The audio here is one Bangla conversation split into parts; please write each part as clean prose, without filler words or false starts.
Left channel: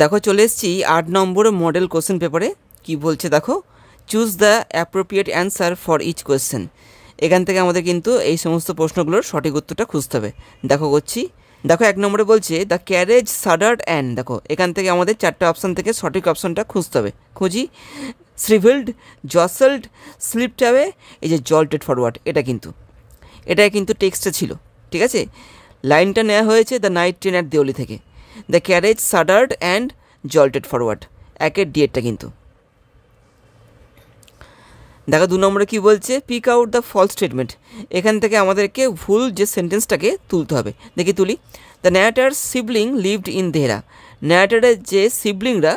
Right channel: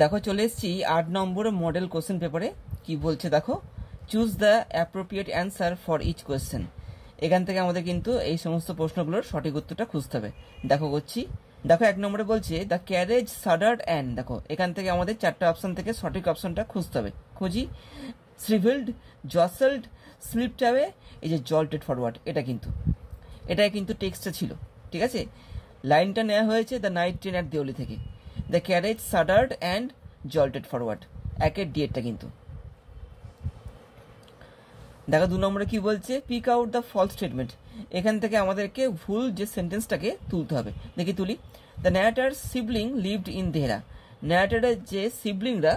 দেখো চলে এসেছি 8 নম্বর মডেল কোশ্চেন পেপারে। কি বলছে দেখো, choose the appropriate answer for each question. এখান থেকে আমাদের কিন্তু এই সমস্ত প্রশ্নগুলোর সঠিক উত্তরটা খুঁজতে হবে। দেখো করছি, দেখো 1 নম্বরে বলছে দ্য ক্যারেজ সাডার্ড অ্যান্ড, দেখো এখান থেকে আমাদের 4টে অপশান থেকে সঠিক অপশানটা খুঁজতে হবে। খুঁজি, শ্রিভেলড, জসেলড, স্লিপড অ্যাওয়ে, এই যে জল্টেড ফরওয়ার্ড, এটা কিন্তু টেক্সটে ছিল, ঠিক আছে। লাইনটা নেওয়া হয়েছে the night train at Deoli থেকে। The carriage shuddered and jolted forward, একের ডিএডটা কিন্তু। দেখো 2 নম্বরে কী বলছে, pick out the false statement. এখান থেকে আমাদেরকে ভুল যে সেন্টেন্সটাকে তুলতে হবে। দেখি তুলি, the narrator's sibling lived in Dehra. ন্যারেটারের যে সিবলিংরা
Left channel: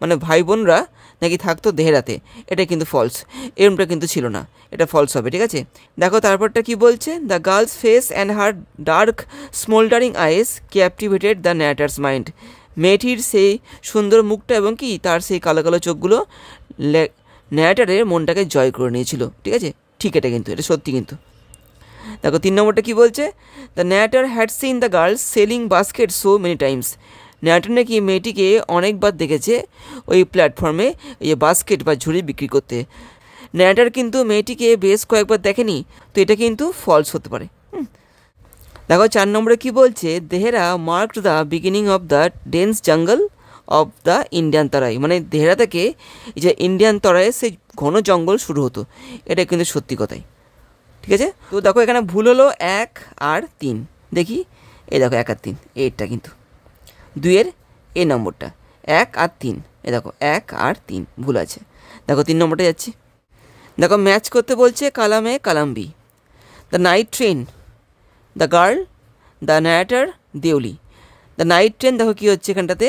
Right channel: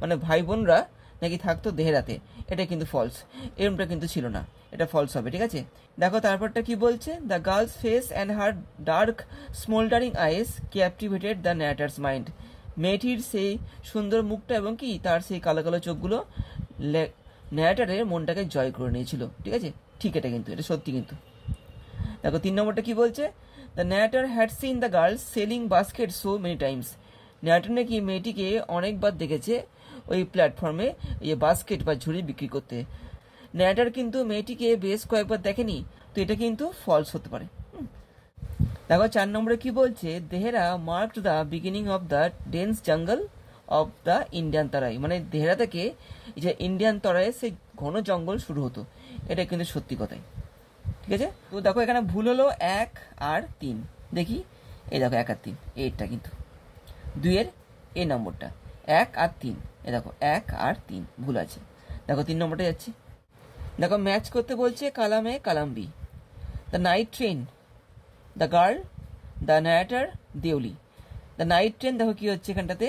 মানে ভাই বোনরা নাকি থাকতো দেহরাতে, এটা কিন্তু ফলস, এরমটা কিন্তু ছিল না, এটা ফলস হবে, ঠিক আছে। দেখো তারপরটা কি বলছে, the girls face and her dark স্মোল্ডারিং ice ক্যাপটিভেটেড the narrator's mind. মেয়েটির সেই সুন্দর মুখটা এবং কি তার সেই কালো কালো চোখগুলো ন্যারেটারের মনটাকে জয় করে নিয়েছিল, ঠিক আছে। ঠিক, এটা সত্যি কিন্তু। দেখো 3 নম্বরটা কী বলছে, the narrator had seen the girls selling basket so many Times. Narrator নাকি মেয়েটিকে অনেকবার দেখেছে ওই প্ল্যাটফর্মে এই বাস্কেট বা ঝুড়ি বিক্রি করতে। ন্যারেটার কিন্তু মেয়েটিকে বেশ কয়েকবার দেখেনি, তো এটা কিন্তু ফলস হতে পারে। দেখো 4 নম্বরে কী বলছে, Dehra marked the beginning of the dense জঙ্গল অফ দ্য ইন্ডিয়ান তরাই। মানে দেহরা থেকে এই যে ইন্ডিয়ান তরাইয়ের সেই ঘন জঙ্গল শুরু হতো, এটা কিন্তু সত্যি কথাই, ঠিক আছে। তো দেখো এখানে ভুল হলো 1 আর 3। দেখি, এই দেখো 1 আর 3, এইটা কিন্তু 2-এর এই নম্বরটা 1 আর 3, এ দেখো 1 আর 3 ভুল আছে। দেখো 3 নম্বরটা যাচ্ছি, দেখো ম্যাচ করতে বলছে column A column B. The night train, the girl, the narrator, Deoli. The night train দেখো কী হচ্ছে এখানটাতে,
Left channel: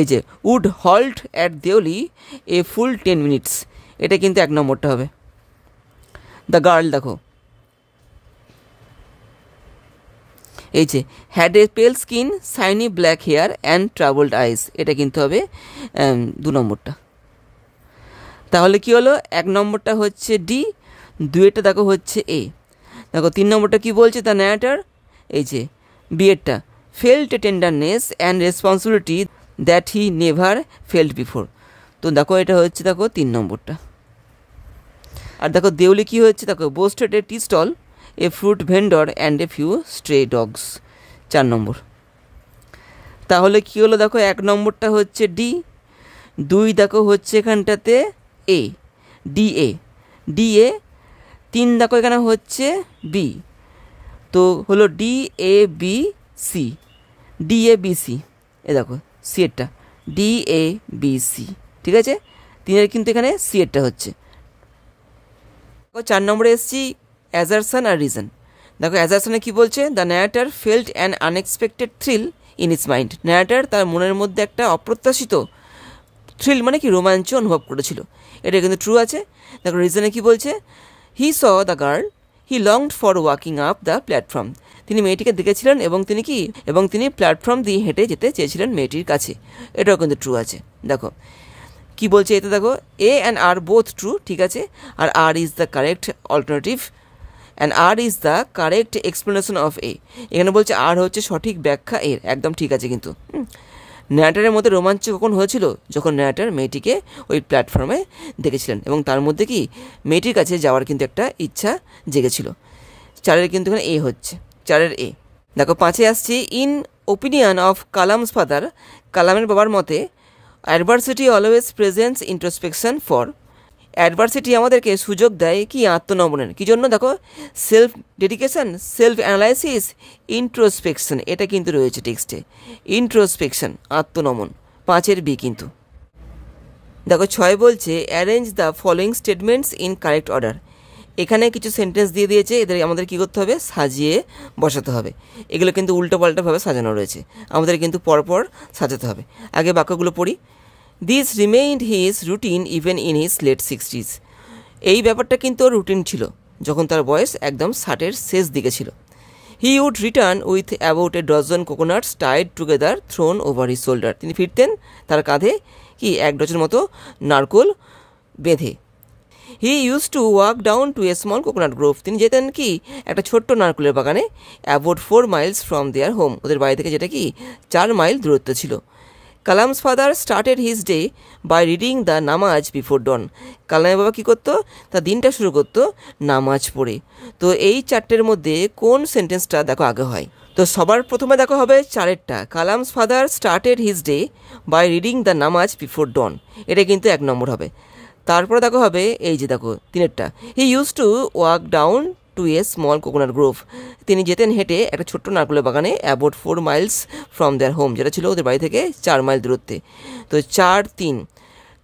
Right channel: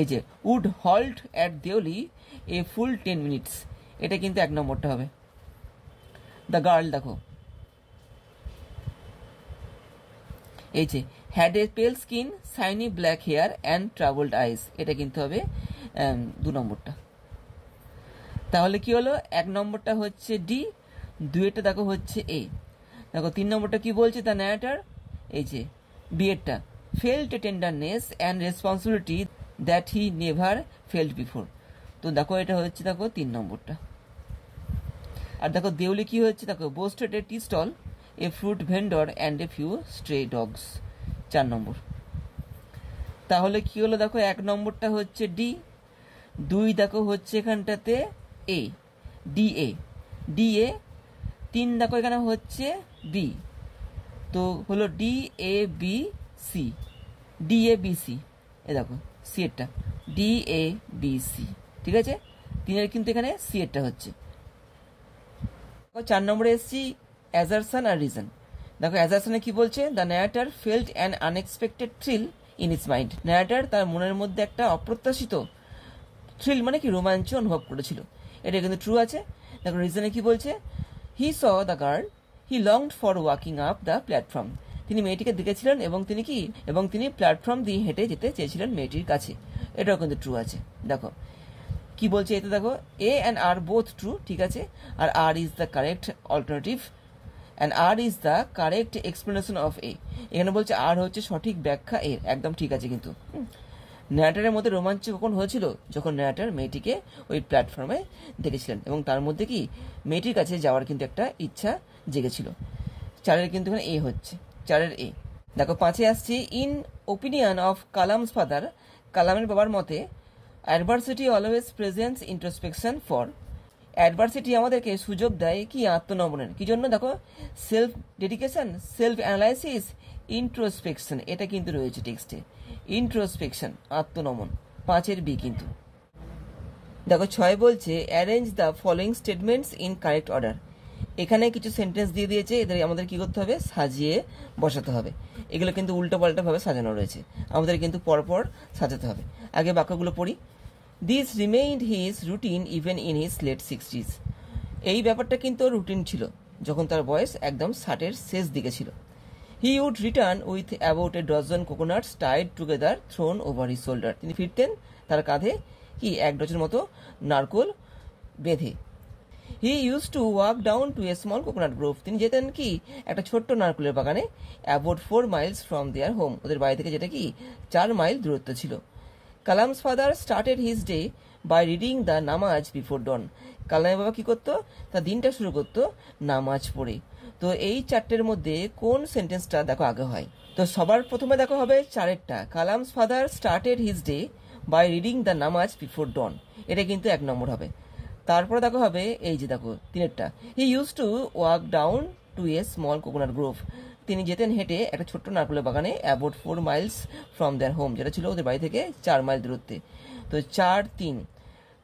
এই যে would halt at Deoli a full 10 minutes, এটা কিন্তু 1 নম্বরটা হবে। দ্য গার্ল দেখো এই যে had a pale skin, shiny black hair and travelled eyes, এটা কিন্তু হবে 2 নম্বরটা। তাহলে কি হলো, 1 নম্বরটা হচ্ছে ডি, 2-এরটা দেখো হচ্ছে এ। দেখো 3 নম্বরটা কি বলছে, দ্য ন্যারেটার, এই যে বি-এরটা, felt tenderness and responsibility that he never felt before. তো দেখো এটা হচ্ছে দেখো 3 নম্বরটা। আর দেখো দেওলি কী হচ্ছে, দেখো boasted a tea stall, a fruit vendor and a few stray dogs, 4 নম্বর। তাহলে কী হলো, দেখো 1 নম্বরটা হচ্ছে ডি, 2 দেখো হচ্ছে এখানটাতে এ, ডি এ, 3 দেখো এখানে হচ্ছে বি, তো হলো D A B C, D A B C, এ দেখো সি এরটা, ডি এ বি সি, ঠিক আছে। 3-এর কিন্তু এখানে সি এরটা হচ্ছে। 4 নম্বরে এসেছি অ্যাজারশন আর রিজন। দেখো অ্যাজারশনে কী বলছে, the narrator felt an unexpected thrill in it's mind. Narrator তার মনের মধ্যে একটা অপ্রত্যাশিত থ্রিল মানে কি রোমাঞ্চ অনুভব করেছিল, এটা কিন্তু ট্রু আছে। দেখো রিজনে কী বলছে, he saw the girl, he longed for walking up the platform. তিনি মেয়েটিকে দেখেছিলেন এবং তিনি প্ল্যাটফর্ম দিয়ে হেঁটে যেতে চেয়েছিলেন মেয়েটির কাছে, এটাও কিন্তু ট্রু আছে। দেখো কি বলছে এতে, দেখো A and R both true, ঠিক আছে। আর R is the correct alternative and R is the correct explanation of A. এখানে বলছে আর হচ্ছে সঠিক ব্যাখ্যা এর, একদম ঠিক আছে কিন্তু। ন্যারেটারের মধ্যে রোমাঞ্চ কখন হয়েছিল, যখন ন্যারেটার মেয়েটিকে ওই প্ল্যাটফর্মে দেখেছিলেন এবং তার মধ্যে কি মেয়েটির কাছে যাওয়ার কিন্তু একটা ইচ্ছা জেগেছিল। 4-এর কিন্তু এখানে এ হচ্ছে, 4-এর এ। দেখো 5-এ আসছি, in opinion of Kalam's father, কালামের বাবার মতে adversity always presents introspection for. Adversity আমাদেরকে সুযোগ দেয় কি আত্মনমনের, কী জন্য, দেখো self dedication, self analysis, introspection, এটা কিন্তু রয়েছে টেক্সটে, ইন্ট্রোস্পেকশন আত্মনমন, 5-এর বি কিন্তু। দেখো 6 বলছে arrange the following statements in correct order. এখানে কিছু সেন্টেন্স দিয়ে দিয়েছে, এদের আমাদের কী করতে হবে, সাজিয়ে বসাতে হবে। এগুলো কিন্তু উল্টোপাল্টাভাবে সাজানো রয়েছে, আমাদের কিন্তু পরপর সাজাতে হবে। আগে বাক্যগুলো পড়ি, this remained his routine even in his late 60s। এই ব্যাপারটা কিন্তু রুটিন ছিল যখন তার বয়স একদম 60-এর শেষ দিকে ছিল। He would return with about a dozen coconuts tied together thrown over his shoulder. তিনি ফিরতেন তার কাঁধে কি 1 ডজন মতো নারকোল বেঁধে। He use to walk down to a small coconut grove, তিনি যেতেন কি একটা ছোট্ট নারকেলের বাগানে, about 4 miles from their home, ওদের বাড়ি থেকে যেটা কি 4 মাইল দূরত্ব ছিল। Kalam's father started his day by reading the namaz before dawn, কালামের বাবা কী করতো, তার দিনটা শুরু করতো নামাজ পড়ে। তো এই চারটের মধ্যে কোন সেন্টেন্সটা দেখো আগে হয়? তো সবার প্রথমে দেখো হবে চারেরটা, Kalam's father started his day by reading the namaz before dawn, এটা কিন্তু 1 নম্বর হবে। তারপরে দেখো হবে এই যে দেখো তিনেরটা, he use to walk down to a small coconut grove, তিনি যেতেন হেঁটে একটা ছোট্ট নারকেলের বাগানে, about 4 miles from their home, যেটা ছিল ওদের বাড়ি থেকে 4 মাইল দূরত্বে। তো 4, 3।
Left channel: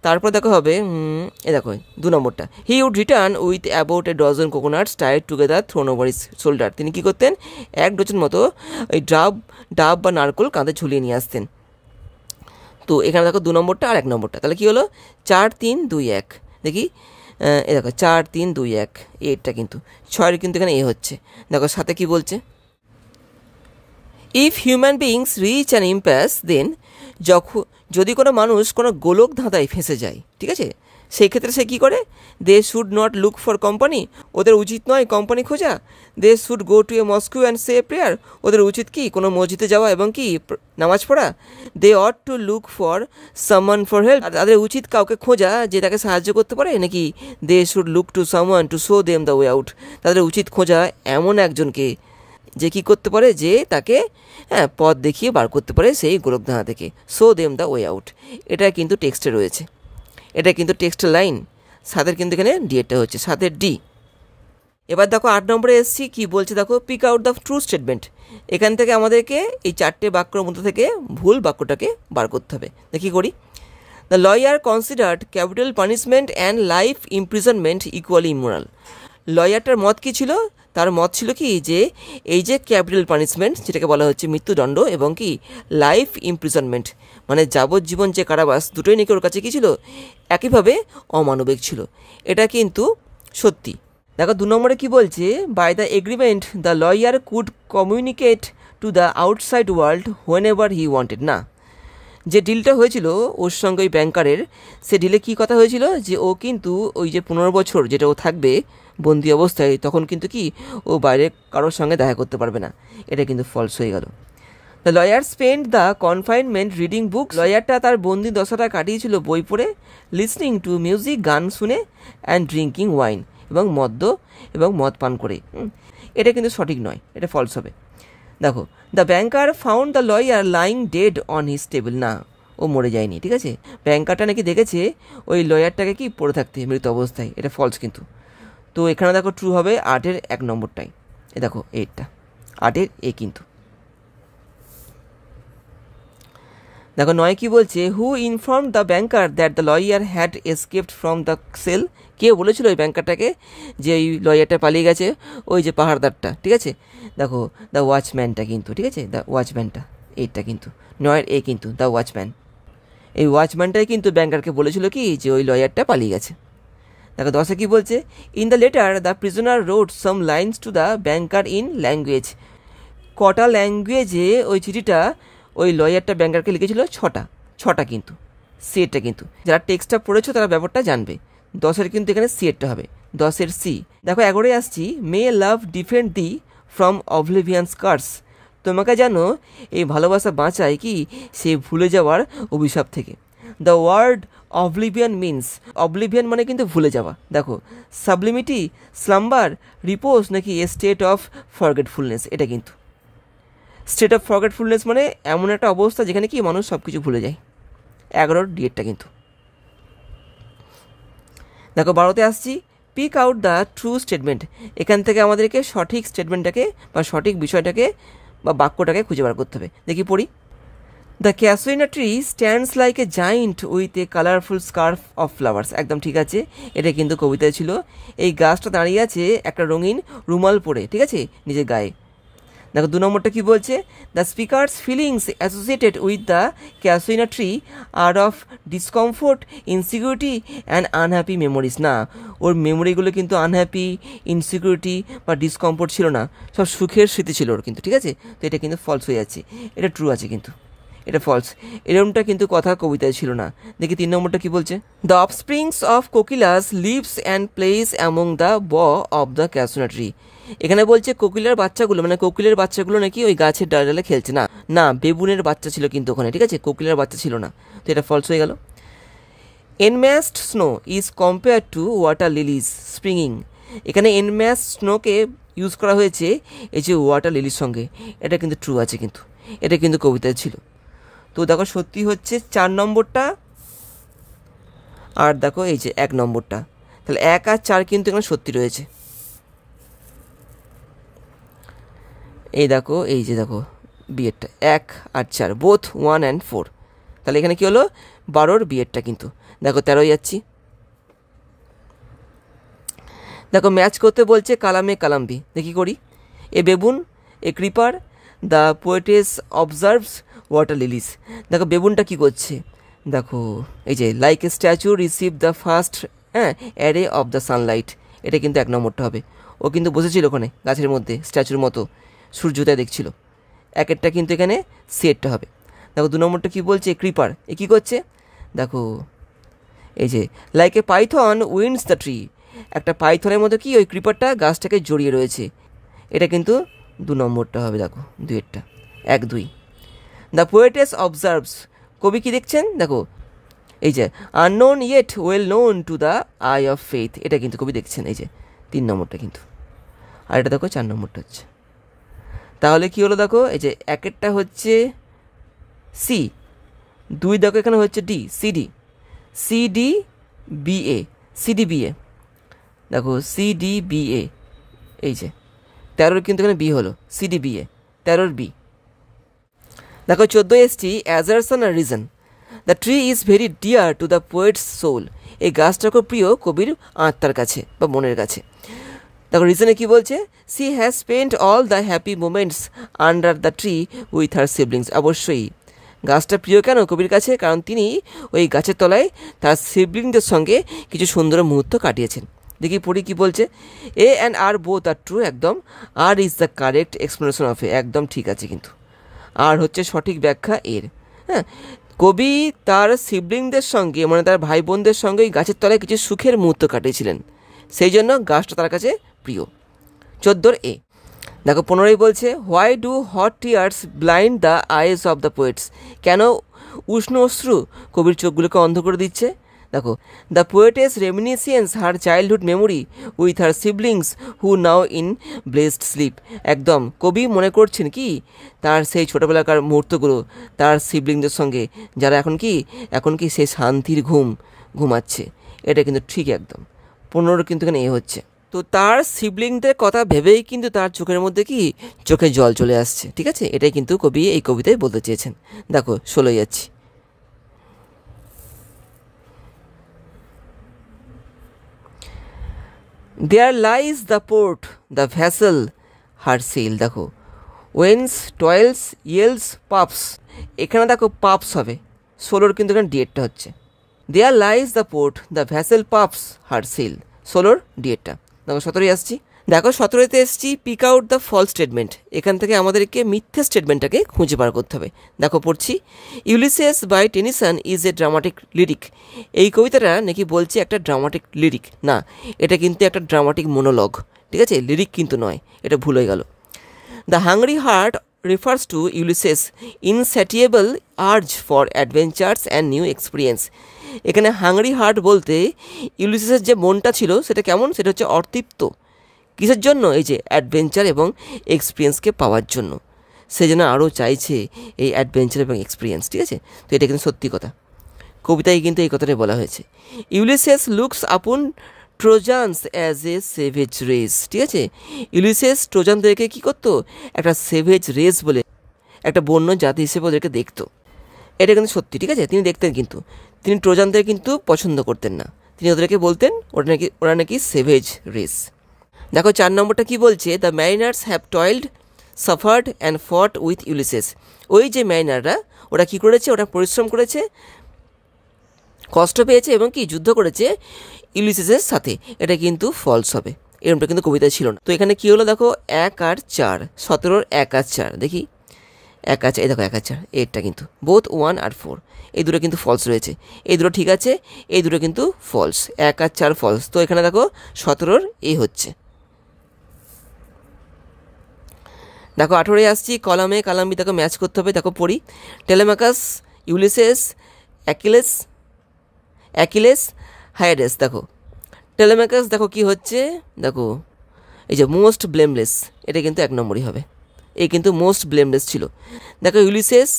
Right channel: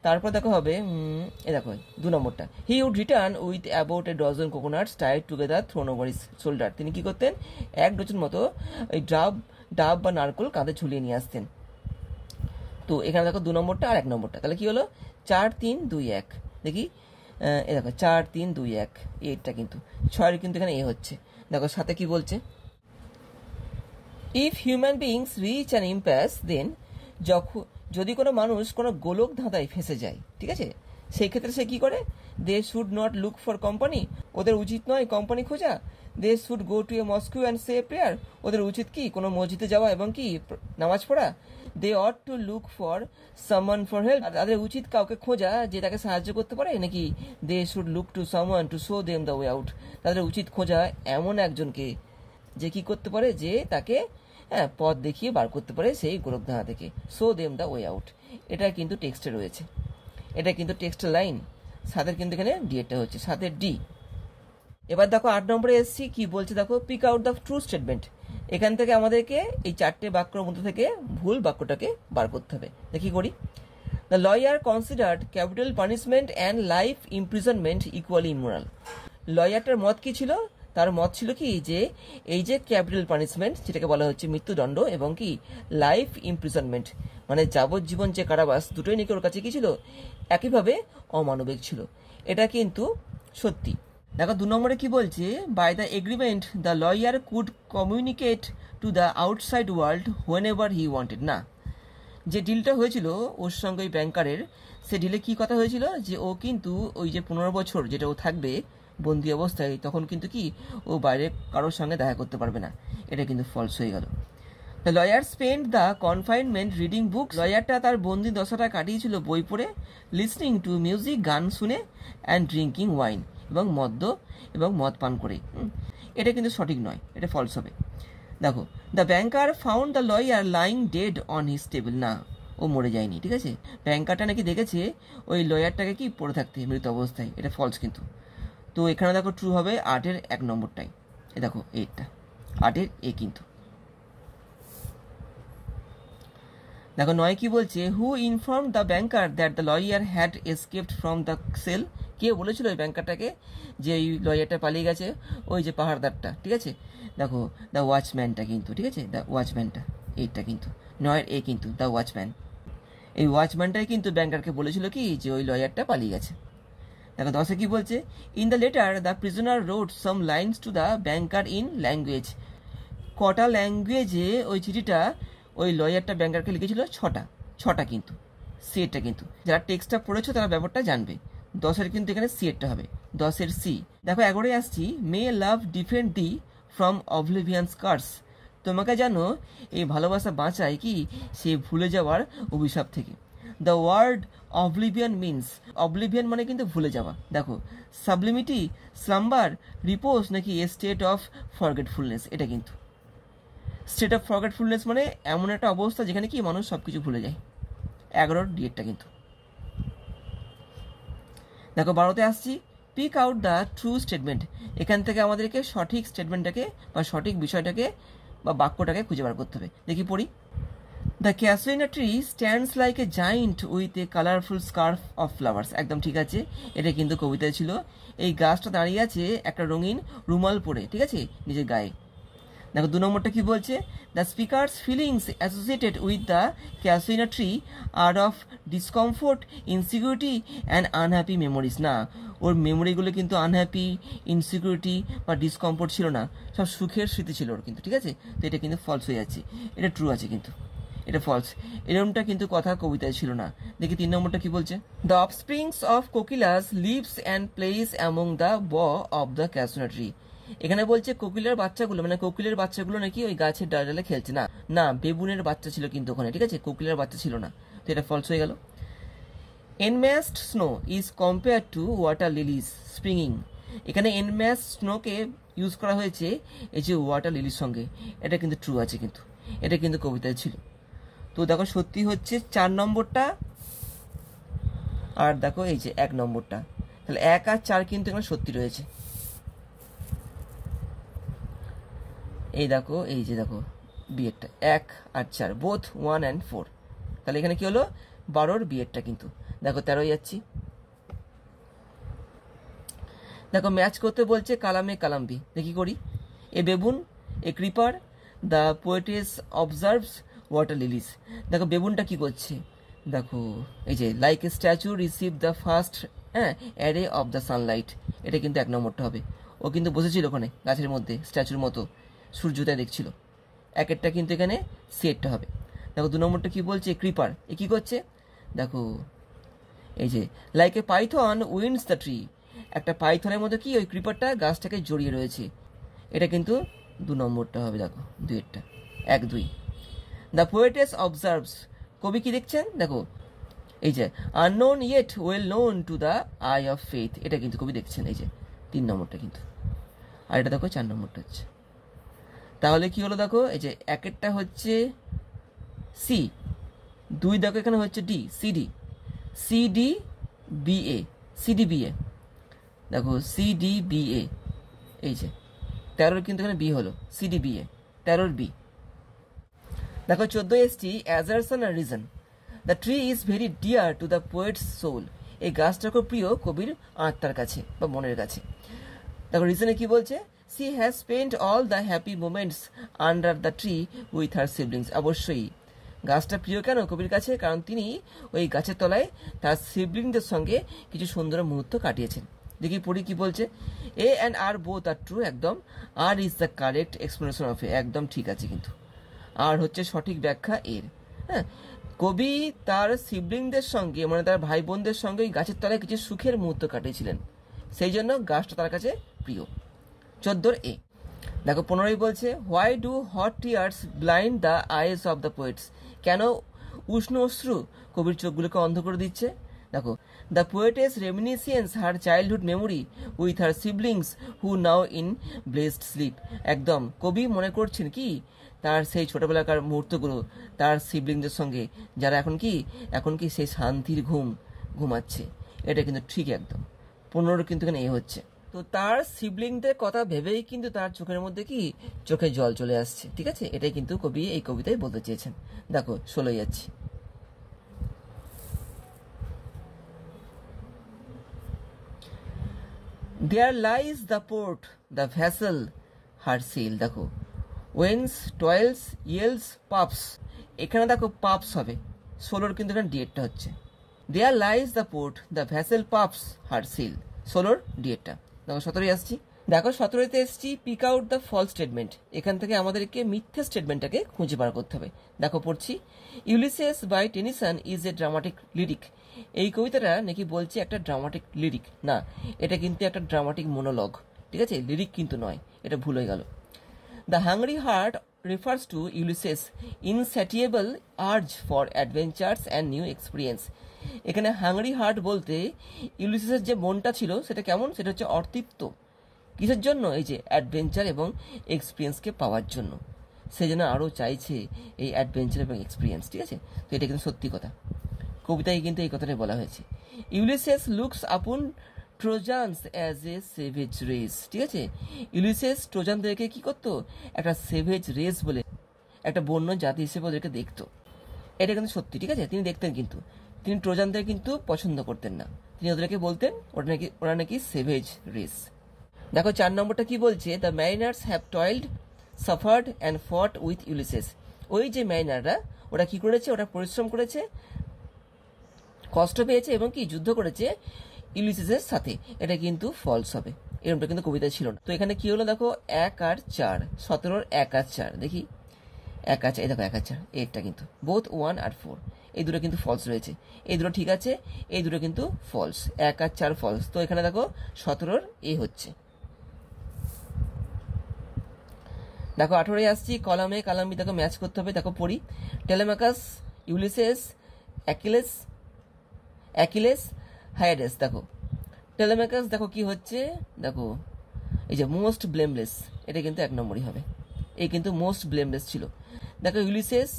তারপর দেখো হবে এ দেখো 2 নম্বরটা, he would return with about a dozen coconuts tied together thrown over his shoulder, তিনি কী করতেন 1 ডজন মতো ওই ডাব বা নারকেল কাঁধে ঝুলিয়ে নিয়ে আসতেন। তো এখানে দেখো 2 নম্বরটা আর 1 নম্বরটা, তাহলে কী হলো 4, 3, 2, 1। দেখি এ দেখো 4, 3, 2, 1, এটা কিন্তু 6 কিন্তু এখানে এ হচ্ছে। দেখো সাথে কি বলছে, if human beings reach and impasse then, যদি কোনো মানুষ কোনো গোলক ধাঁধায় ফেঁসে যায়, ঠিক আছে, সেই ক্ষেত্রে সে কী করে, they should not look for company, ওদের উচিত নয় কোম্পানি খোঁজা, they should go to a mosque and say prayer, ওদের উচিত কি কোনো মসজিদে যাওয়া এবং কি নামাজ পড়া, they ought to look for someone for help, তাদের উচিত কাউকে খোঁজা যে তাকে সাহায্য করতে পারে, নাকি they should look to someone to show them the way out, তাদের উচিত খোঁজা এমন একজনকে যে কী করতে পারে, যে তাকে পথ দেখিয়ে বার করতে পারে সেই গোলকধাঁধা থেকে, show them the way out. এটা কিন্তু টেক্সটে রয়েছে, এটা কিন্তু টেক্সটের লাইন, সাতের কিন্তু এখানে ডিএটা হচ্ছে, সাতের ডি। এবার দেখো 8 নম্বরে এসছি, কি বলছে দেখো, pick out the true statement, এখান থেকে আমাদেরকে এই 4টে বাক্যের মধ্যে থেকে ভুল বাক্যটাকে বার করতে হবে। দেখি করি, the lawyer considered capital punishment and life imprisonment equally immoral, লয়ারটার মত কী ছিল, তার মত ছিল কি যে এই যে ক্যাপিটাল পানিশমেন্ট যেটাকে বলা হচ্ছে মৃত্যুদণ্ড, এবং কি লাইফ ইমপ্রিজনমেন্ট মানে যাবজ্জীবন যে কারাবাস, দুটোই নাকি ওর কাছে কী ছিল, একইভাবে অমানবিক ছিল। এটা কিন্তু সত্যি। দেখো 2 নম্বরে কী বলছে, by the agreement the lawyer could communicate to the outside world whenever he wanted, না, যে ডিলটা হয়েছিল ওর সঙ্গে ওই ব্যাংকারের, সে ডিলে কী কথা হয়েছিল, যে ও কিন্তু ওই যে 15 বছর যেটা ও থাকবে বন্দি অবস্থায়, তখন কিন্তু কি ও বাইরে কারোর সঙ্গে দেখা করতে পারবে না, এটা কিন্তু ফলস হয়ে গেল। The lawyer spend the confinement reading book, লয়ারটা তার বন্দি দশাটা কাটিয়েছিল বই পড়ে, লিসনিং টু মিউজিক, গান শুনে, অ্যান্ড ড্রিঙ্কিং ওয়াইন, এবং মদ পান করে। এটা কিন্তু সঠিক নয়, এটা ফলস হবে। দেখো, the banker found the lawyer lying dead on his table, না, ও মরে যায়নি, ঠিক আছে, ব্যাংকারটা নাকি দেখেছে ওই লয়ারটাকে কি পড়ে থাকতে মৃত অবস্থায়, এটা ফলস কিন্তু। তো এখানে দেখো ট্রু হবে 8-এর 1 নম্বরটাই, এ দেখো 8টা 8-এর এ কিন্তু। দেখো 9 কি বলছে, who inform the banker that the lawyer had escaped from the cell, কে বলেছিল ওই ব্যাংকারটাকে যে ওই লয়ারটা পালিয়ে গেছে, ওই যে পাহাড়দারটা, ঠিক আছে। দেখো দ্য ওয়াচম্যানটা কিন্তু, ঠিক আছে, দ্য ওয়াচম্যানটা, এইটা কিন্তু 9-এর এ কিন্তু, দ্য ওয়াচম্যান, এই ওয়াচম্যানটাই কিন্তু ব্যাংকারকে বলেছিল কি যে ওই লয়ারটা পালিয়ে গেছে। দেখো 10-এ কী বলছে, in the letter the prisoner wrote some lines to the banker in language, কটা ল্যাঙ্গুয়েজে ওই চিঠিটা ওই লয়ারটা ব্যাংকারকে লিখেছিল, 6টা কিন্তু, সিএরটা কিন্তু, যারা টেক্সটটা পড়েছো তারা ব্যাপারটা জানবে। 10-এর কিন্তু এখানে সিএরটা হবে, 10-এর সি। দেখো 11-এ আসছি, মে লাভ ডিফেন্ড দি ফ্রম অবলিভিয়ান্স কার্স, তোমাকে জানো এই ভালোবাসা বাঁচায় কি সে ভুলে যাওয়ার অভিশাপ থেকে। The word oblivion means, oblivion মানে কিন্তু ভুলে যাওয়া। দেখো সাবলিমিটি, স্লাম্বার, রিপোজ, নাকি এ স্টেট অফ ফরগেটফুলনেস, এটা কিন্তু স্টেট অফ ফরগেটফুলনেস মানে এমন একটা অবস্থা যেখানে কি মানুষ সব কিছু ভুলে যায়। 11-এর ডিএটটা কিন্তু। দেখো 12-তে আসছি, pick out the true statement, এখান থেকে আমাদেরকে সঠিক স্টেটমেন্টটাকে বা সঠিক বিষয়টাকে বা বাক্যটাকে খুঁজে বার করতে হবে। দেখি পড়ি, the casuarina tree stands like a giant with a colourful scarf of flowers, একদম ঠিক আছে, এটা কিন্তু কবিতায় ছিল। এই গাছটা দাঁড়িয়ে আছে একটা রঙিন রুমাল পরে, ঠিক আছে, নিজের গায়ে। দেখো 2 নম্বরটা কি বলছে, the speaker's feelings associated with the casuarina tree are of discomfort, insecurity and unhappy memories, না, ওর মেমোরিগুলো কিন্তু আনহ্যাপি, ইনসিকিউরিটি বা ডিসকমফোর্ট ছিল না, সব সুখের স্মৃতি ছিল ওর কিন্তু, ঠিক আছে। তো এটা কিন্তু ফলস হয়ে যাচ্ছে, এটা ট্রু আছে কিন্তু, এটা ফলস, এরকমটা কিন্তু কথা কবিতায় ছিল না। দেখি 3 নম্বরটা কি বলছে, the offsprings of kokilas lives and plays among the bough of the casuarina tree. এখানে বলছে কোকিলার বাচ্চাগুলো, মানে কোকিলের বাচ্চাগুলো নাকি ওই গাছের ডালে খেলছে। না না, বেবুনের বাচ্চা ছিল কিন্তু ওখানে, ঠিক আছে, কোকিলের বাচ্চা ছিল না, তো এটা ফলস হয়ে গেল। Enmassed snow is compare to water lilies springing. এখানে এনম্যাস স্নোকে ইউজ করা হয়েছে এই যে ওয়াটার লিলির সঙ্গে, এটা কিন্তু ট্রু আছে, কিন্তু এটা কিন্তু কবিতায় ছিল। তো দেখো সত্যি হচ্ছে 4 নম্বরটা, আর দেখো এই যে 1 নম্বরটা, তাহলে 1 আর 4 কিন্তু এখানে সত্যি রয়েছে। এই দেখো, এই যে দেখো বিয়েরটা 1 আর 4 বোথ 1 and 4, তাহলে এখানে কি হলো 12-র বিয়েরটা, কিন্তু দেখো 13 যাচ্ছি। দেখো ম্যাচ করতে বলছে কালামে কালাম্বি, দেখি করি। A baboon, a creeper, the poetess observes water lilies. দেখো বেবুনটা কি করছে, দেখো এই যে like a statue receive the first array of the sunlight, এটা কিন্তু 1 নম্বরটা হবে। ও কিন্তু বসেছিল ওখানে গাছের মধ্যে স্ট্যাচুর মতো, সূর্যোদয় দেখছিল, 1-এরটা কিন্তু এখানে সেটটা হবে। দেখো 2 নম্বরটা কি বলছে, ক্রিপার, এ কী করছে, দেখো এই যে like A Python winds the tree, একটা পাইথনের মতো কি ওই ক্রিপারটা গাছটাকে জড়িয়ে রয়েছে, এটা কিন্তু 2 নম্বরটা হবে। দেখো 2-এরটা 1, 2। দ্য পোয়েটেস অবজার্ভস, কবি কি দেখছেন, দেখো এই যে unknown yet well known to the I of faith, এটা কিন্তু কবি দেখছেন, এই যে 3 নম্বরটা কিন্তু। আর এটা দেখো 4 নম্বরটা হচ্ছে। তাহলে কি হলো, দেখো এই যে 1-এরটা হচ্ছে সি, 2 দেখো এখানে হচ্ছে D, CD, CD BA, CD BA, দেখো সিডি বিএ, এই যে 13-র কিন্তু এখানে বি হলো, সিডি বিএ 13-র বি। দেখো 14 এসছি অ্যাজারশন আর reason. The tree is very dear to the poet's soul, এই গাছটা খুব প্রিয় কবির আত্মার কাছে বা মনের কাছে। দেখো রিজনে কি বলছে, she has spent all the happy moments under the tree with her siblings. অবশ্যই গাছটা প্রিয় কেন কবির কাছে, কারণ তিনি ওই গাছের তলায় তার সিবলিংদের সঙ্গে কিছু সুন্দর মুহূর্ত কাটিয়েছেন। দেখি পড়ি কি বলছে, A and R both are true, একদম। R is the correct explanation of A, একদম ঠিক আছে কিন্তু। আর হচ্ছে সঠিক ব্যাখ্যা এর। হ্যাঁ, কবি তার সিবলিংদের সঙ্গে, মানে তার ভাই বোনদের সঙ্গে ওই গাছের তলায় কিছু সুখের মুহূর্ত কাটিয়েছিলেন, সেই জন্য গাছটা তার কাছে প্রিয়। 14-র এ। দেখো 15-ই বলছে, why do hot tears blind the eyes of the poets, কেন উষ্ণ অশ্রু কবির চোখগুলোকে অন্ধ করে দিচ্ছে। দেখো the poetess reminiscence her childhood memory with her siblings who now in blessed sleep, একদম কবি মনে করছেন কি তার সেই ছোটোবেলাকার মুহূর্তগুলো তার সিবলিংদের সঙ্গে, যারা এখন কি সেই শান্তির ঘুমাচ্ছে, এটা কিন্তু ঠিক একদম। 15 কিন্তু এখানে এ হচ্ছে। তো তার সিবলিংদের কথা ভেবেই কিন্তু তার চোখের মধ্যে চোখে জল চলে আসছে, ঠিক আছে, এটাই কিন্তু কবি এই কবিতায় বলতে চেয়েছেন। দেখো 16 যাচ্ছি। There lies the port the vessel her sail, দেখো ওয়েন্স টয়েলস ইয়েলস পাপস, এখানে দেখো পাপস হবে, 16-র কিন্তু এখানে ডিএডটা হচ্ছে। There lies the port the vessel puffs her sell, 16-র ডিএডটা। দেখো 17-ই আসছি। দেখো 17-তে এসছি pick out the false statement, এখান থেকে আমাদেরকে মিথ্যা স্টেটমেন্টটাকে খুঁজে বার করতে হবে। দেখো পড়ছি, Ulysses by Tennyson is a dramatic lyric, এই কবিতাটা নাকি বলছে একটা ড্রামাটিক লিরিক, না এটা কিন্তু একটা ড্রামাটিক মোনোলগ, ঠিক আছে, লিরিক কিন্তু নয়, এটা ভুল হয়ে গেল। The hungry heart refers to Ulysses' insatiable urge for adventures and new experience, এখানে হাংরি হার্ট বলতে ইউলিসিসের যে মনটা ছিল সেটা কেমন, সেটা হচ্ছে অতৃপ্ত, কিসের জন্য, এই যে অ্যাডভেঞ্চার এবং এক্সপিরিয়েন্সকে পাওয়ার জন্য, সে যেন আরও চাইছে এই অ্যাডভেঞ্চার এবং এক্সপিরিয়েন্স, ঠিক আছে। তো এটা কিন্তু সত্যি কথা, কবিতায় কিন্তু এই কথাটাই বলা হয়েছে। ইউলিসিস লুকস আপন ট্রোজান্স অ্যাজ এ সেভেজ রেস, ঠিক আছে, ইউলিসিস ট্রোজানদেরকে কী করতো, একটা সেভেজ রেস বলে একটা বন্য জাতি হিসেবে ওদেরকে দেখতো, এটা কিন্তু সত্যি, ঠিক আছে, তিনি দেখতেন, কিন্তু তিনি ট্রোজানদের কিন্তু পছন্দ করতেন না, তিনি ওদেরকে বলতেন ওরা নাকি সেভেজ রেস। দেখো 4 নম্বরটা কি বলছে, the mariners have toiled suffered and fought with Ulysses, ওই যে ম্যারিনাররা ওরা কী করেছে, ওরা পরিশ্রম করেছে, কষ্ট পেয়েছে এবং যুদ্ধ করেছে ইউলিসিসের সাথে, এটা কিন্তু ফলস হবে, এরকমটা কিন্তু কবিতায় ছিল না। তো এখানে কি হলো, দেখো 1 আর 4, 17-র 1 আর 4, দেখি এক আছে, এই দেখো 1000, এরটা কিন্তু বোথ 1 আর 4 এই দুটো কিন্তু ফলস রয়েছে, এই দুটো ঠিক আছে, এই দুটো কিন্তু ফলস, 1 আর 4 ফলস। তো এখানে দেখো 17 এ হচ্ছে। দেখো 18 আসছি, কলামে কালাম বি দেখো ম্যাচ করতে হবে। দেখো পড়ি, টেলেমাকাস, ইউলিসেস, অ্যাকিলেস, হায়াডেস। দেখো টেলেমাকাস দেখো কি হচ্ছে, দেখো এই যে মোস্ট ব্লেমলেস, এটা কিন্তু 1 নম্বরই হবে, এই কিন্তু মোস্ট ব্লেমলেস ছিল। দেখো ইউলিসেস,